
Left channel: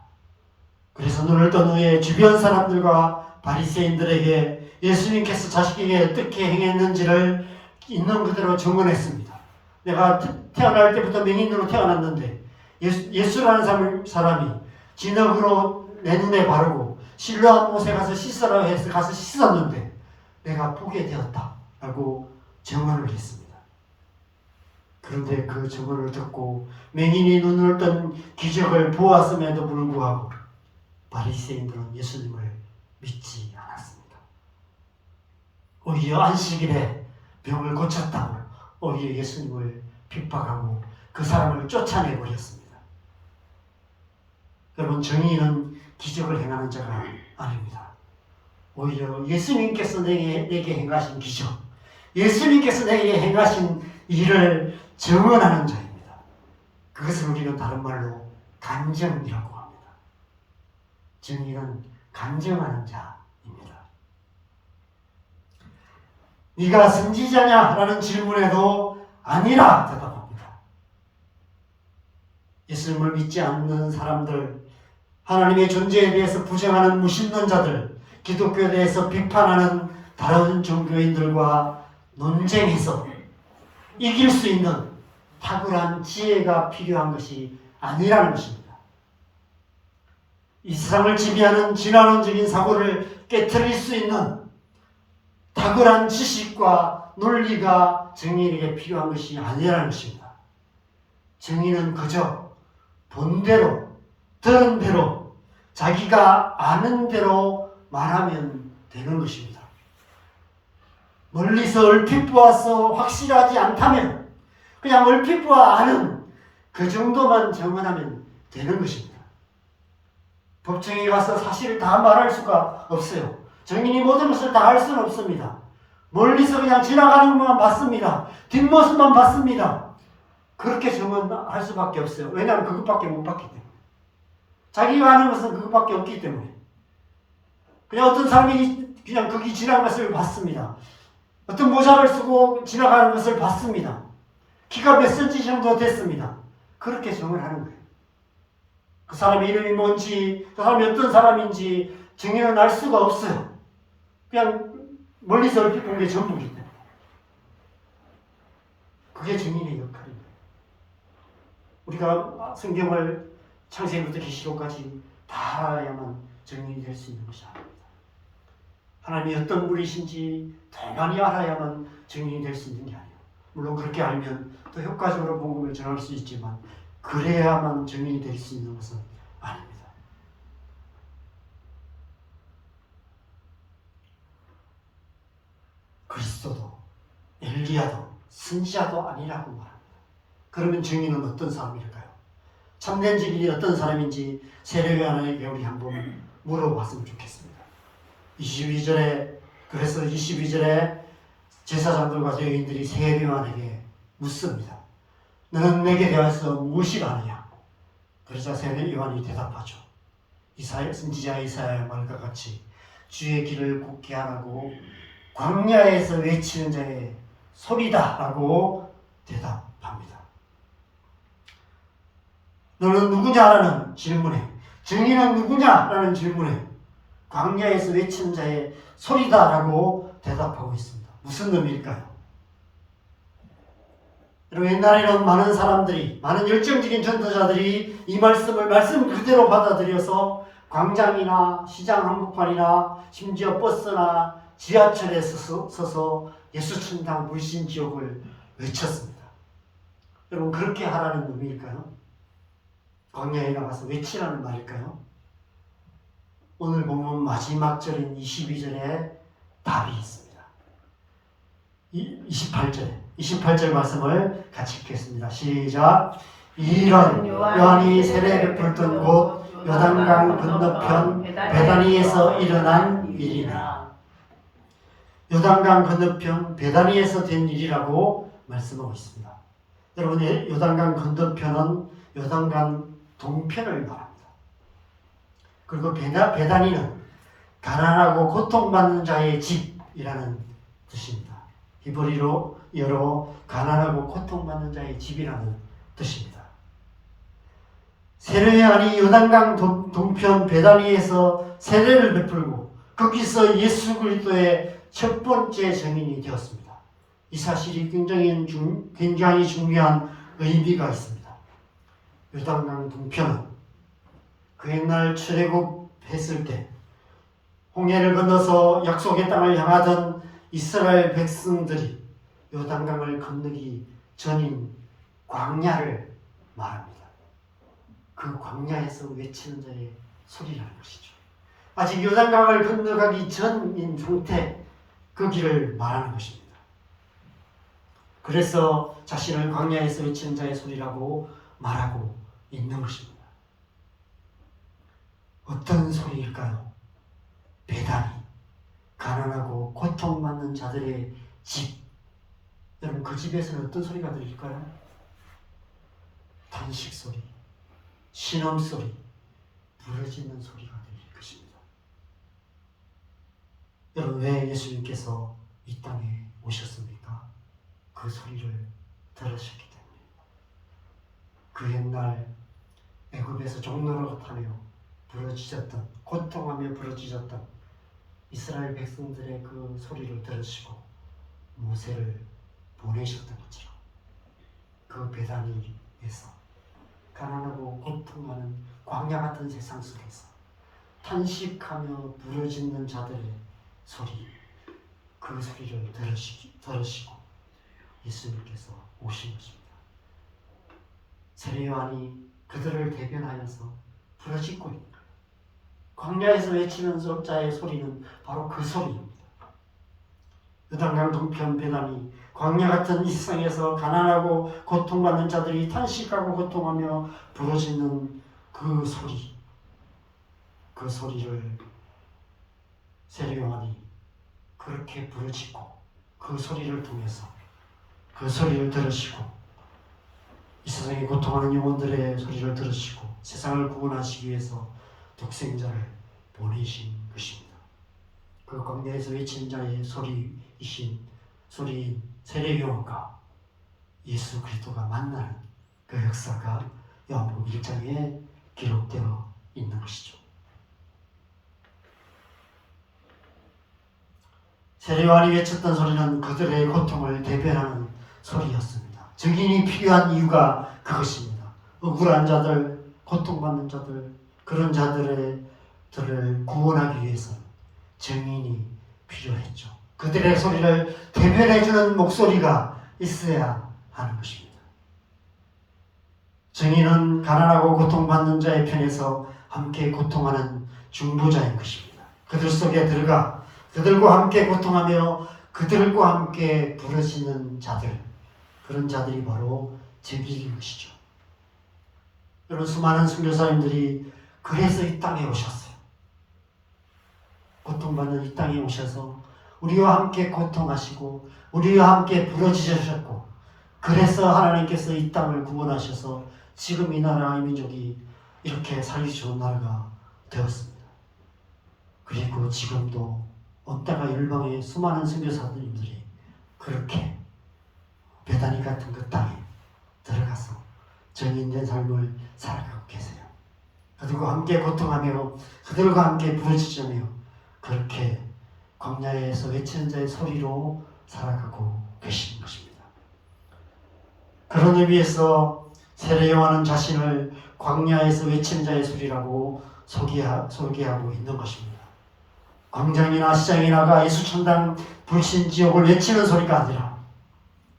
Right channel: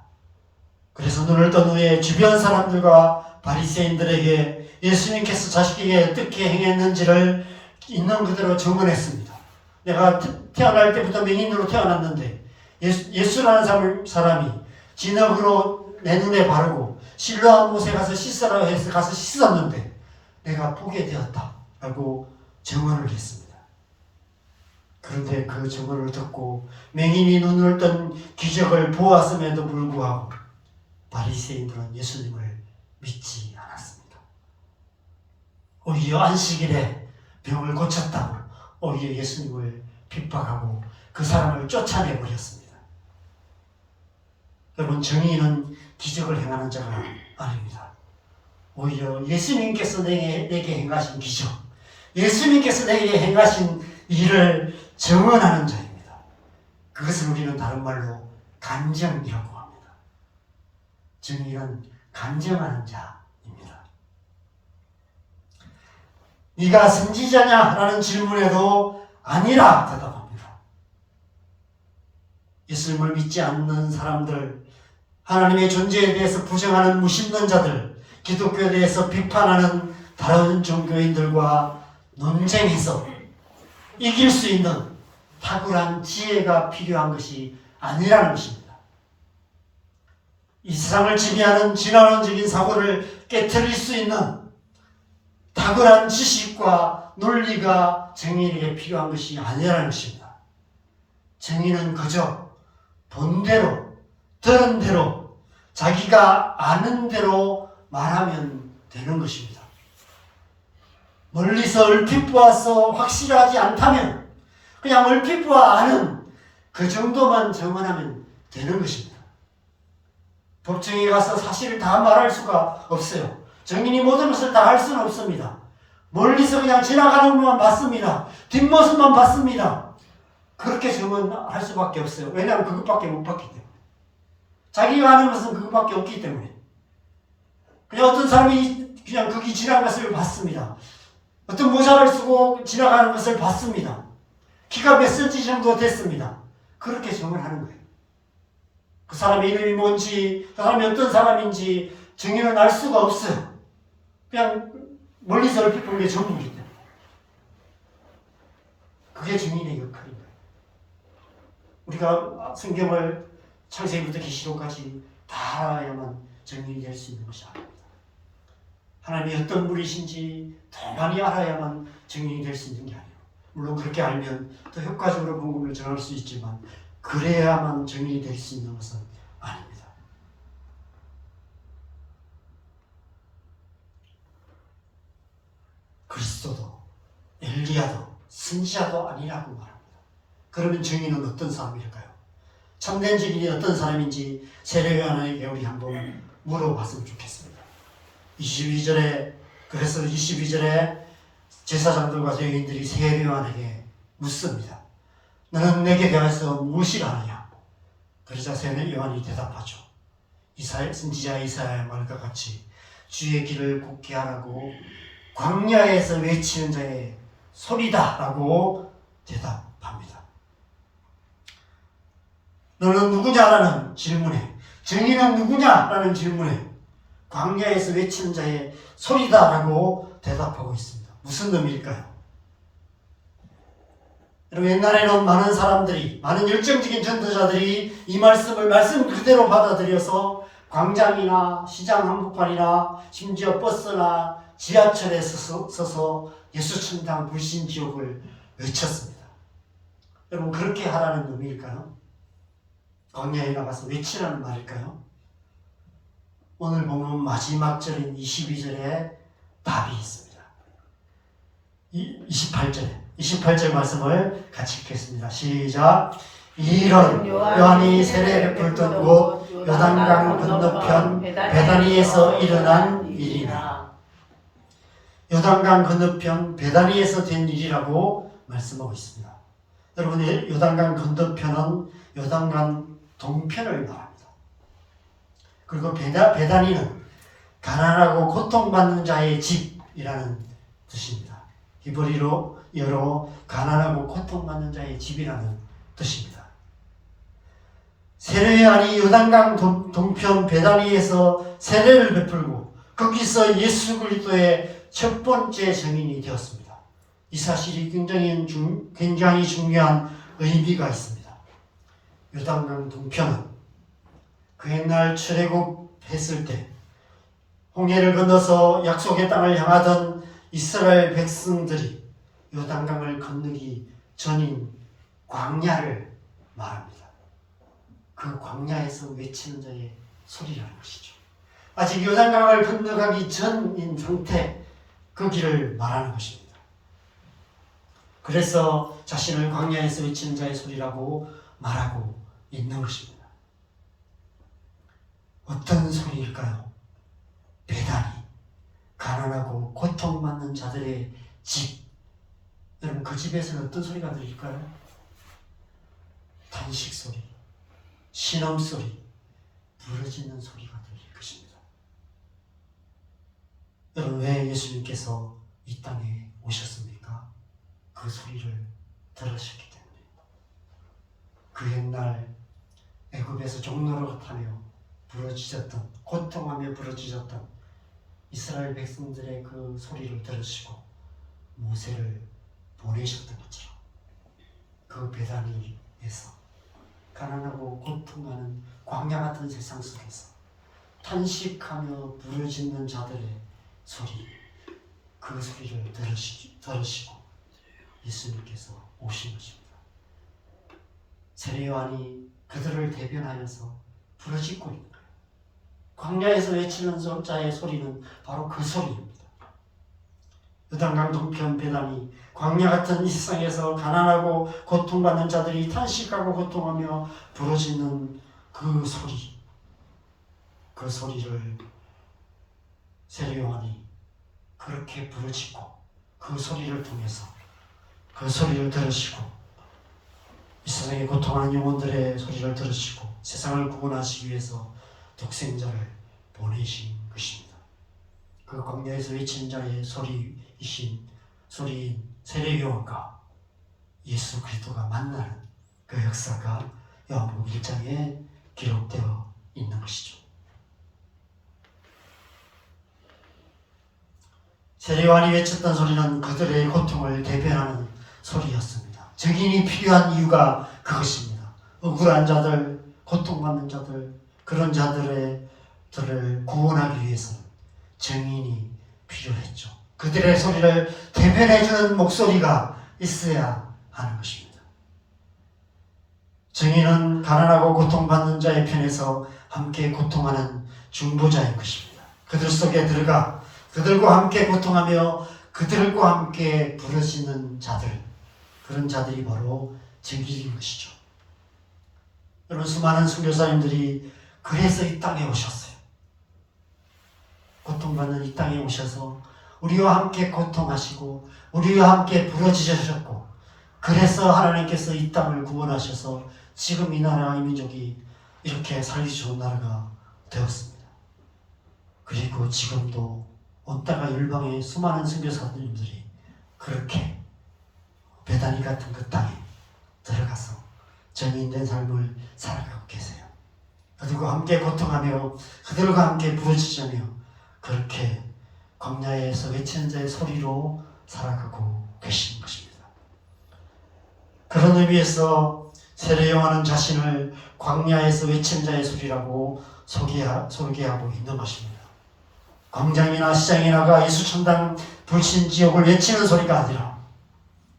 그래서 눈을 뜬 후에 주변 사람들과 바리새인들에게 예수님께서 자식에게 어떻게 행했는지를 있는 그대로 증언했습니다. 내가 태어날 때부터 맹인으로 태어났는데 예수라는 사람이 진흙으로 내 눈에 바르고 실로암 못에 가서 씻으라고 해서 가서 씻었는데 내가 보게 되었다 라고 증언을 했습니다. 그런데 그 증언을 듣고 맹인이 눈을 뜬 기적을 보았음에도 불구하고 바리새인들은 예수님을 믿지 않았습니다. 오히려 안식일에 병을 고쳤다고 오히려 예수님을 핍박하고 그 사람을 쫓아내버렸습니다. 여러분, 증인은 기적을 행하는 자가 아닙니다. 오히려 예수님께서 내게 행하신 기적, 예수님께서 내게 행하신 일을 증언하는 자입니다. 그것을 우리는 다른 말로 간증이라고 합니다. 증인은 간증하는 자입니다. 네가 선지자냐? 라는 질문에도 아니라 대답합니다. 예수님을 믿지 않는 사람들, 하나님의 존재에 대해서 부정하는 무신론 자들, 기독교에 대해서 비판하는 다른 종교인들과 논쟁해서 이길 수 있는 탁월한 지혜가 필요한 것이 아니라는 것입니다. 이 세상을 지배하는 진화론적인 사고를 깨트릴 수 있는 탁월한 지식과 논리가 증인에게 필요한 것이 아니라는 것입니다. 증인은 그저 본대로 들은 대로, 자기가 아는 대로 말하면 되는 것입니다. 멀리서 얼핏 보아서 확실하지 않다면 그냥 얼핏 보아 아는 그 정도만 증언하면 되는 것입니다. 법정에 가서 사실을 다 말할 수가 없어요. 증인이 모든 것을 다 할 수는 없습니다. 멀리서 그냥 지나가는 것만 봤습니다. 뒷모습만 봤습니다. 그렇게 증언할 수밖에 없어요. 왜냐하면 그것밖에 못 봤기 때문에. 자기가 아는 것은 그것밖에 없기 때문에. 그냥 어떤 사람이 그냥 거기 지나가는 것을 봤습니다. 어떤 모자를 쓰고 지나가는 것을 봤습니다. 키가 몇 센치 정도 됐습니다. 그렇게 증언하는 거예요. 그 사람의 이름이 뭔지, 그 사람이 어떤 사람인지 증인은 알 수가 없어요. 그냥 멀리서 얼핏 본 게 전부이기 때문에. 그게 증인의 역할인 거예요. 우리가 성경을 창세기부터 계시록까지 다 알아야만 증인이 될 수 있는 것이 아닙니다. 하나님이 어떤 분이신지 더 많이 알아야만 증인이 될 수 있는 게 아니에요. 물론 그렇게 알면 더 효과적으로 복음을 전할 수 있지만 그래야만 증인이 될 수 있는 것은 아닙니다. 그리스도도 엘리야도 선지자도 아니라고 말합니다. 그러면 증인은 어떤 사람일까요? 참된 증인이 어떤 사람인지 세례요한에게 우리 한번 물어봤으면 좋겠습니다. 22절에 제사장들과 죄인들이 세례요한에게 묻습니다. 너는 내게 대하여서 무엇이 아느냐? 그러자 세례요한이 대답하죠. 선지자 이사야의 말과 같이 주의 길을 굽게 하라고 광야에서 외치는 자의 소리다라고 대답합니다. 너는 누구냐라는 질문에, 증인은 누구냐라는 질문에 광야에서 외치는 자의 소리다라고 대답하고 있습니다. 무슨 의미일까요? 여러분, 옛날에는 많은 사람들이, 많은 열정적인 전도자들이 이 말씀을 말씀 그대로 받아들여서 광장이나 시장 한복판이나 심지어 버스나 지하철에 서서 예수 천당 불신 지옥을 외쳤습니다. 여러분, 그렇게 하라는 의미일까요? 광야에 나가서 외치라는 말일까요? 오늘 보면 마지막 절인 22절에 답이 있습니다. 28절 말씀을 같이 읽겠습니다. 시작. 이런 요한이 세례 베풀던 곳 요단강 건너편 베다니에서 일어난 일이라. 요단강 건너편 베다니에서 된 일이라고 말씀하고 있습니다. 여러분, 요단강 건너편은 요단강 동편을 말합니다. 그리고 베다니는 가난하고 고통받는 자의 집이라는 뜻입니다. 히브리어로 가난하고 고통받는 자의 집이라는 뜻입니다. 세례요한이 요단강 동편 베다니에서 세례를 베풀고 거기서 예수 그리스도의 첫 번째 증인이 되었습니다. 이 사실이 굉장히 중요한 의미가 있습니다. 요단강 동편은 그 옛날 출애굽했을 때 홍해를 건너서 약속의 땅을 향하던 이스라엘 백성들이 요단강을 건너기 전인 광야를 말합니다. 그 광야에서 외치는 자의 소리라는 것이죠. 아직 요단강을 건너가기 전인 상태, 그 길을 말하는 것입니다. 그래서 자신을 광야에서 외치는 자의 소리라고 말하고 있는 것입니다. 어떤 소리일까요? 베다니, 가난하고 고통받는 자들의 집. 여러분, 그 집에서는 어떤 소리가 들릴까요? 탄식 소리, 신음 소리, 부르짖는 소리가 들릴 것입니다. 여러분, 왜 예수님께서 이 땅에 오셨습니까? 그 소리를 들으셨기 때문입니다. 그 옛날 애굽에서 종로를 타며 부르짖었던, 고통하며 부르짖었던 이스라엘 백성들의 그 소리를 들으시고 모세를 보내셨던 것처럼 그 베다니에서 가난하고 고통하는 광야 같은 세상 속에서 탄식하며 부르짖는 자들의 소리, 그 소리를 들으시고 예수님께서 오신 것입니다. 세례요한이 그들을 대변하여서 부르짖고 있는 거예요. 광야에서 외치는 자의 소리는 바로 그 소리입니다. 요단강 동편 베단이 광야 같은 이 세상에서 가난하고 고통받는 자들이 탄식하고 고통하며 부르짖는 그 소리, 그 소리를 세례 요한이 그렇게 부르짖고 그 소리를 통해서 그 소리를 들으시고 이 세상에 고통하는 영혼들의 소리를 들으시고 세상을 구원하시기 위해서 독생자를 보내신 것입니다. 그 광야에서 외친 자의 소리이신 소리인 세례 요한과 예수 그리스도가 만나는 그 역사가 요한복음 1장에 기록되어 있는 것이죠. 세례 요한이 외쳤던 소리는 그들의 고통을 대변하는 소리였습니다. 증인이 필요한 이유가 그것입니다. 억울한 자들, 고통받는 자들, 그런 자들을 구원하기 위해서는 증인이 필요했죠. 그들의 소리를 대변해주는 목소리가 있어야 하는 것입니다. 증인은 가난하고 고통받는 자의 편에서 함께 고통하는 중보자인 것입니다. 그들 속에 들어가 그들과 함께 고통하며 그들과 함께 부르짖는 자들, 그런 자들이 바로 증인인 것이죠. 여러분, 수많은 선교사님들이 그래서 이 땅에 오셨어요. 고통받는 이 땅에 오셔서 우리와 함께 고통하시고 우리와 함께 부르짖으셨고, 그래서 하나님께서 이 땅을 구원하셔서 지금 이 나라 이 민족이 이렇게 살기 좋은 나라가 되었습니다. 그리고 지금도 온 땅과 열방의 수많은 선교사님들이 그렇게 베다니 같은 그 땅에 들어가서 정인된 삶을 살아가고 계세요. 그들과 함께 고통하며 그들과 함께 부르짖으며 그렇게 광야에서 외치는 자의 소리로 살아가고 계신 것입니다. 그런 의미에서 세례 요한은 자신을 광야에서 외치는 자의 소리라고 소개하고 있는 것입니다. 광장이나 시장에 나가 예수천당 불신지옥을 외치는 소리가 아니라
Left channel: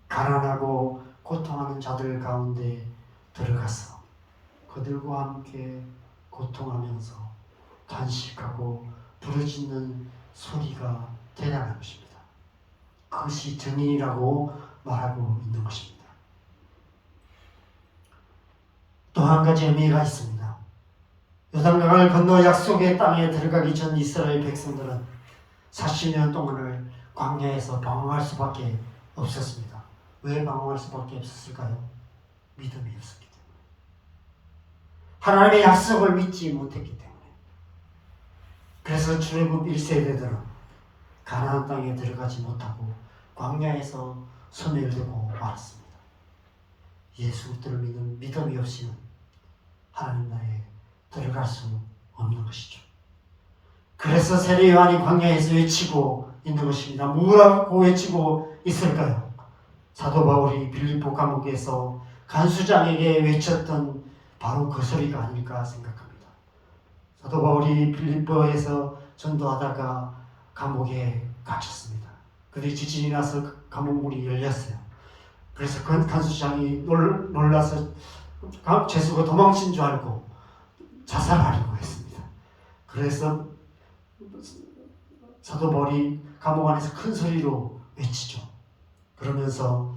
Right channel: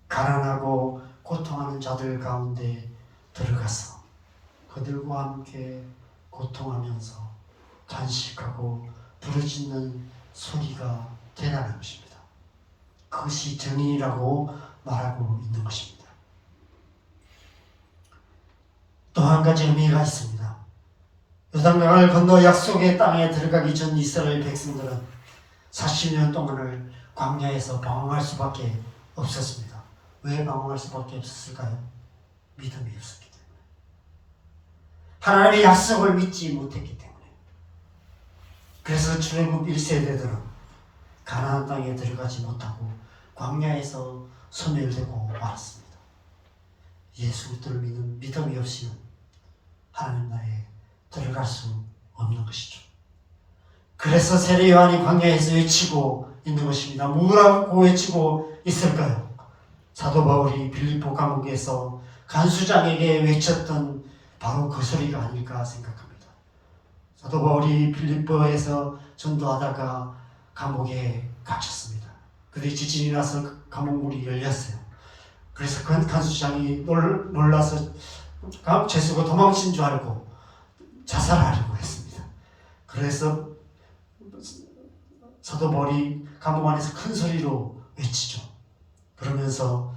가난하고 고통하는 자들 가운데 들어가서 그들과 함께 고통하면서 탄식하고 부르짖는 소리가 되라는 것입니다. 그것이 증인이라고 말하고 있는 것입니다. 또 한 가지 의미가 있습니다. 요단강을 건너 약속의 땅에 들어가기 전 이스라엘 백성들은 40년 동안을 광야에서 방황할 수밖에 없었습니다. 왜 방황할 수밖에 없었을까요? 믿음이 없었기 때문에. 하나님의 약속을 믿지 못했기 때문에. 그래서 출애굽 1세대들은 가나안 땅에 들어가지 못하고 광야에서 소멸되고 말았습니다. 예수 그리스도를 믿는 믿음이 없이는 하나님 나라에 들어갈 수 없는 것이죠. 그래서 세례 요한이 광야에서 외치고 있는 것입니다. 뭐라고 외치고 있을까요? 사도 바울이 빌립보 감옥에서 간수장에게 외쳤던 바로 그 소리가 아닐까 생각합니다. 사도 바울이 빌립보에서 전도하다가 감옥에 갇혔습니다. 그때 지진이 나서 감옥문이 열렸어요. 그래서 그 간수장이 놀라서 죄수가 도망친 줄 알고 자살하려고 했습니다. 그래서 사도 바울이 감옥 안에서 큰 소리로 외치죠. 그러면서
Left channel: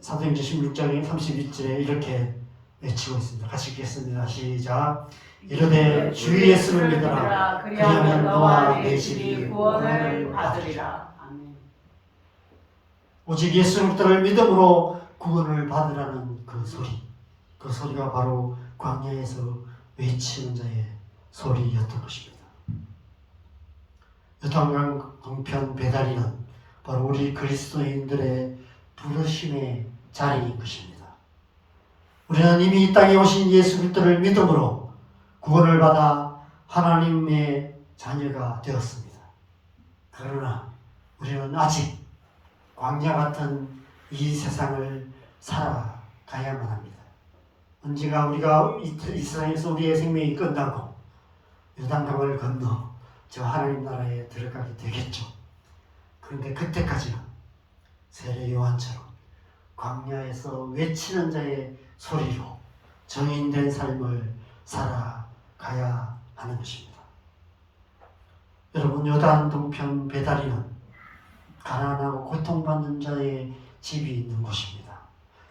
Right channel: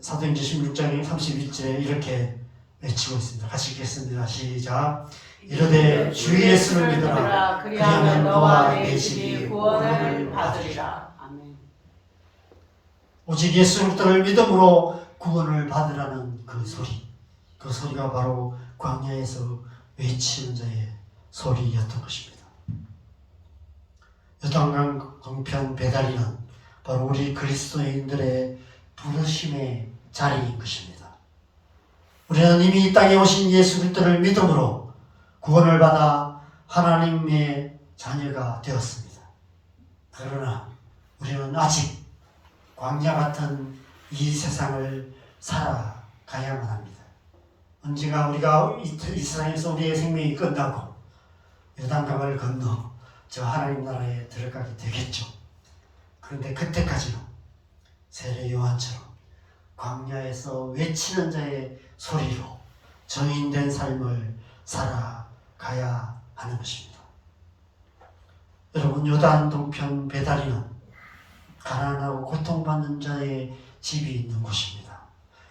사도행전 16장 31절에 이렇게 외치고 있습니다. 같이 읽겠습니다. 시작. 이르되 주 예수를 믿어라. 그리하면 너와 내 집이 구원을 받으리라. 아멘. 오직 예수 그리스도를 믿음으로 구원을 받으라는 그 소리. 그 소리가 바로 광야에서 외치는 자의 소리였던 것입니다. 요단강 동편 베다니는 바로 우리 그리스도인들의 부르심의 자리인 것입니다. 우리는 이미 이 땅에 오신 예수 그리스도를 믿음으로 구원을 받아 하나님의 자녀가 되었습니다. 그러나 우리는 아직 광야 같은 이 세상을 살아가야만 합니다. 언젠가 우리가 이 세상에서 우리의 생명이 끝나고 요단강을 건너 저 하나님 나라에 들어가게 되겠죠. 그런데 그때까지는 세례 요한처럼 광야에서 외치는 자의 소리로 정인된 삶을 살아가야 살아가야 하는 것입니다. 여러분, 요단 동편 베다리는 가난하고 고통받는 자의 집이 있는 곳입니다.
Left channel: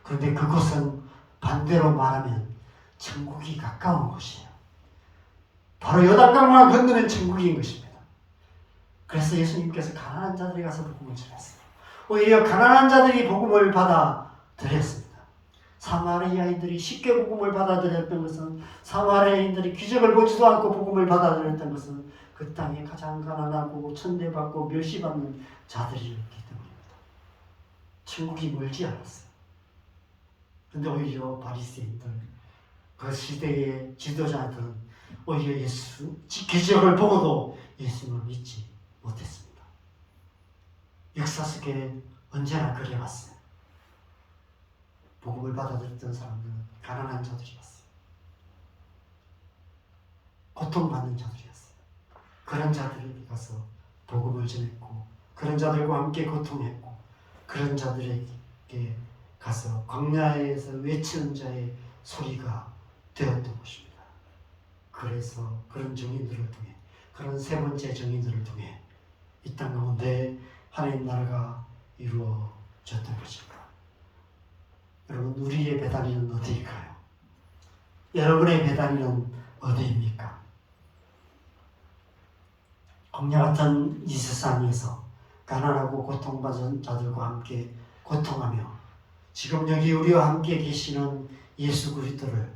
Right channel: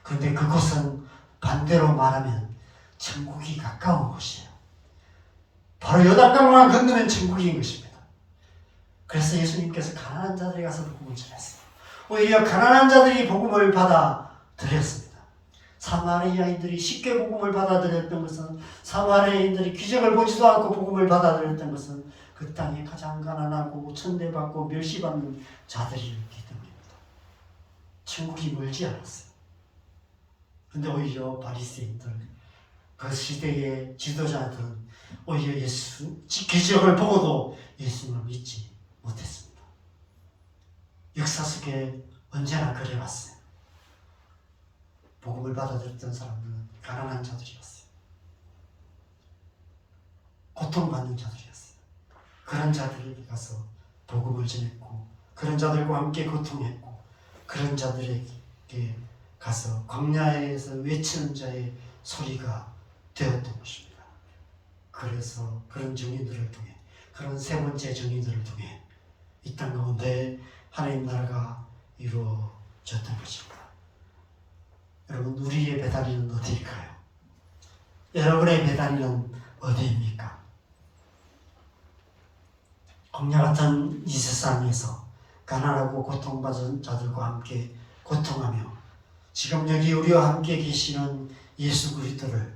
그런데 그곳은 반대로 말하면 천국이 가까운 곳이에요. 바로 요단강만 건너면 천국인 것입니다. 그래서 예수님께서 가난한 자들이 가서 복음을 전했어요. 오히려 가난한 자들이 복음을 받아들였습니다. 사마리아인들이 쉽게 복음을 받아들였던 것은, 사마리아인들이 기적을 보지도 않고 복음을 받아들였던 것은 그 땅에 가장 가난하고 천대받고 멸시받는 자들이었기 때문입니다. 천국이 멀지 않았어요. 그런데 오히려 바리새인들, 그 시대의 지도자들은 오히려 예수 기적을 보고도 예수님을 믿지 못했습니다. 역사 속에 언제나 그래왔어요. 복음을 받아들였던 사람들은 가난한 자들이었어요. 고통받는 자들이었어요. 그런 자들에게 가서 복음을 전했고, 그런 자들과 함께 고통했고, 그런 자들에게 가서 광야에서 외치는 자의 소리가 되었던 것입니다. 그래서 그런 증인들을 통해, 그런 세 번째 증인들을 통해 이 땅 가운데 하나님 나라가 이루어졌던 것입니다. 여러분, 우리의 베다리는 어디일까요? 여러분의 베다리는 어디입니까? 광야 같은 이 세상에서 가난하고 고통받은 자들과 함께 고통하며 지금 여기 우리와 함께 계시는 예수 그리스도를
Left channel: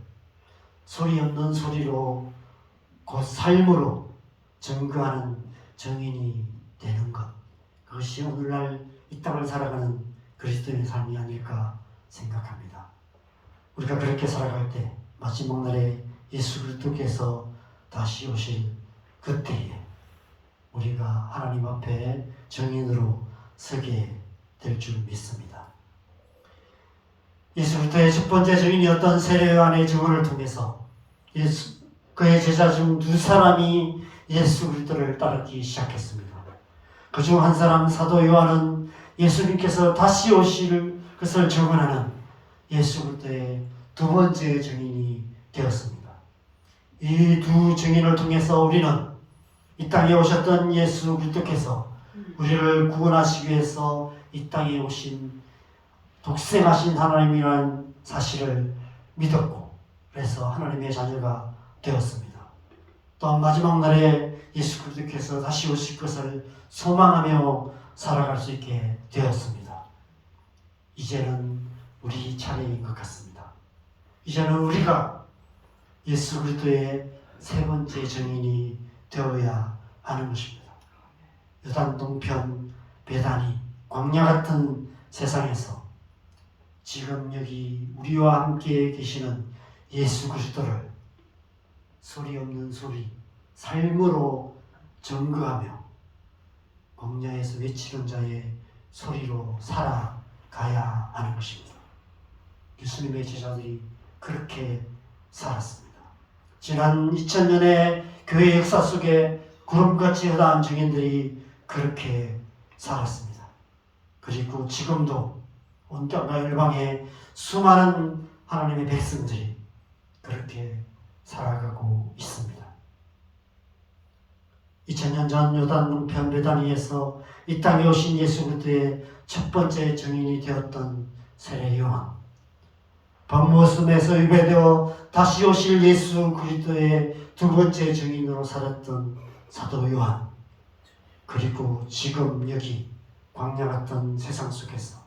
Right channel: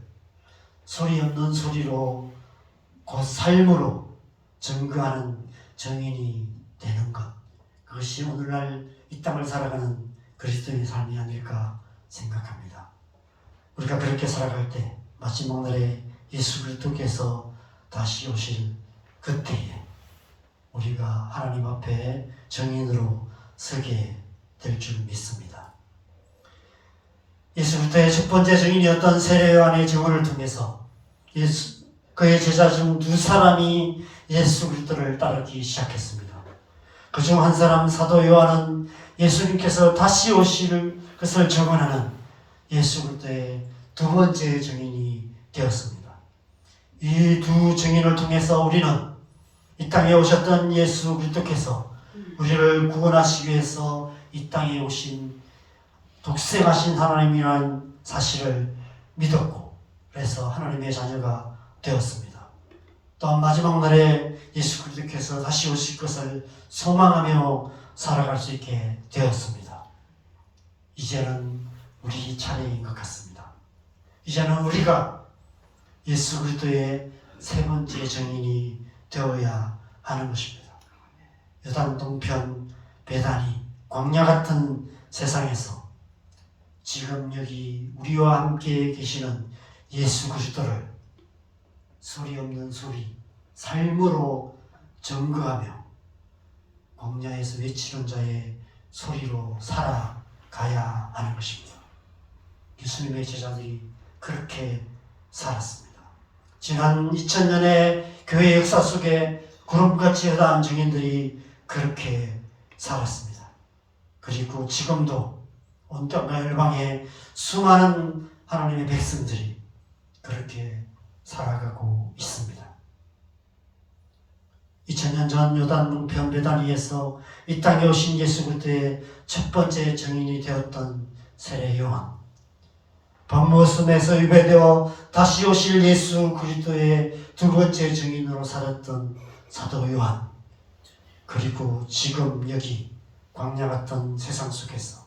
소리 없는 소리로 곧 삶으로 증거하는 증인이 되는 것, 그것이 오늘날 이 땅을 살아가는 그리스도의 삶이 아닐까 생각합니다. 우리가 그렇게 살아갈 때 마지막 날에 예수 그리스도께서 다시 오실 그때에 우리가 하나님 앞에 증인으로 서게 될 줄 믿습니다. 예수 그리스도의 첫 번째 증인이었던 세례 요한의 증언을 통해서 그의 제자 중 두 사람이 예수 그리스도를 따르기 시작했습니다. 그중 한 사람 사도 요한은 예수님께서 다시 오실 것을 증언하는 예수 그리스도의 두 번째 증인이 되었습니다. 이 두 증인을 통해서 우리는 이 땅에 오셨던 예수 그리스도께서 우리를 구원하시기 위해서 이 땅에 오신 독생하신 하나님이라는 사실을 믿었고, 그래서 하나님의 자녀가 되었습니다. 또한 마지막 날에 예수 그리스도께서 다시 오실 것을 소망하며 살아갈 수 있게 되었습니다. 이제는 우리 차례인 것 같습니다. 이제는 우리가 예수 그리스도의 세 번째 증인이 되어야 하는 것입니다. 요단 동편 베다니 광야 같은 세상에서 지금 여기 우리와 함께 계시는 예수 그리스도를 소리 없는 소리, 삶으로 증거하며 광야에서 외치는 자의 소리로 살아가야 하는 것입니다. 예수님의 제자들이 그렇게 살았습니다. 지난 2000년의 교회 역사 속에 구름같이 허다한 증인들이 그렇게 살았습니다. 그리고 지금도 온 땅과 열방에 수많은 하나님의 백성들이 그렇게 살아가고 있습니다. 2000년 전 요단 동편 베다니에서 이 땅에 오신 예수 그리스도의 첫 번째 증인이 되었던 세례 요한, 번모순에서 유배되어 다시 오실 예수 그리스도의 두 번째 증인으로 살았던 사도 요한, 그리고 지금 여기 광야 같은 세상 속에서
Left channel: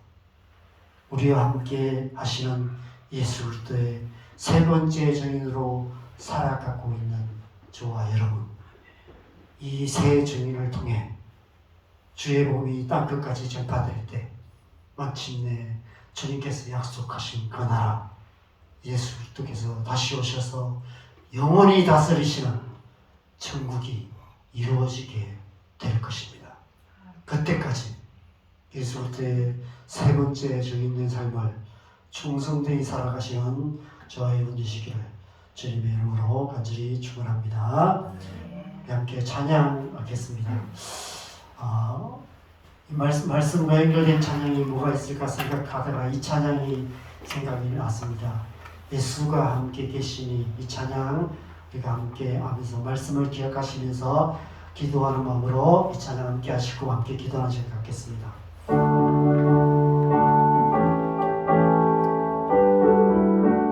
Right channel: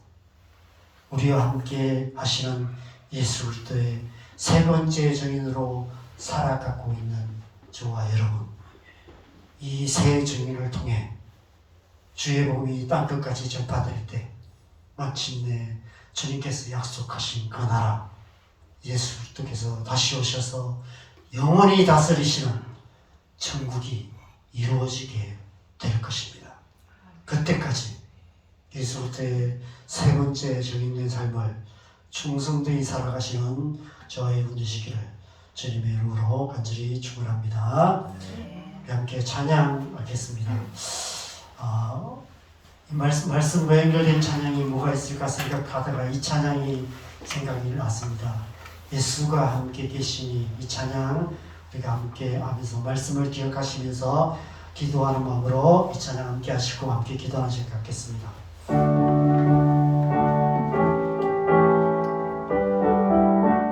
우리와 함께 하시는 예수 그리스도의 세 번째 증인으로 살아가고 있는 저와 여러분, 이 세 증인을 통해 주의 복음이 땅끝까지 전파될 때 마침내 주님께서 약속하신 그 나라, 예수 그리스도께서 다시 오셔서 영원히 다스리시는 천국이 이루어지게 될 것입니다. 그때까지 예수 그리스도의 세 번째 증인된 삶을 충성되이 살아가시는 저와 여러분 되시기를 주님의 이름으로 간절히 축원합니다. 함께 찬양하겠습니다. 이 말씀과 연결된 찬양이 뭐가 있을까 생각하다가 이 찬양이 생각이 났습니다. 예수가 함께 계시니, 이 찬양 우리가 함께 하면서 말씀을 기억하시면서 기도하는 마음으로 이 찬양 함께 하시고 함께 기도하는 시간 갖겠습니다.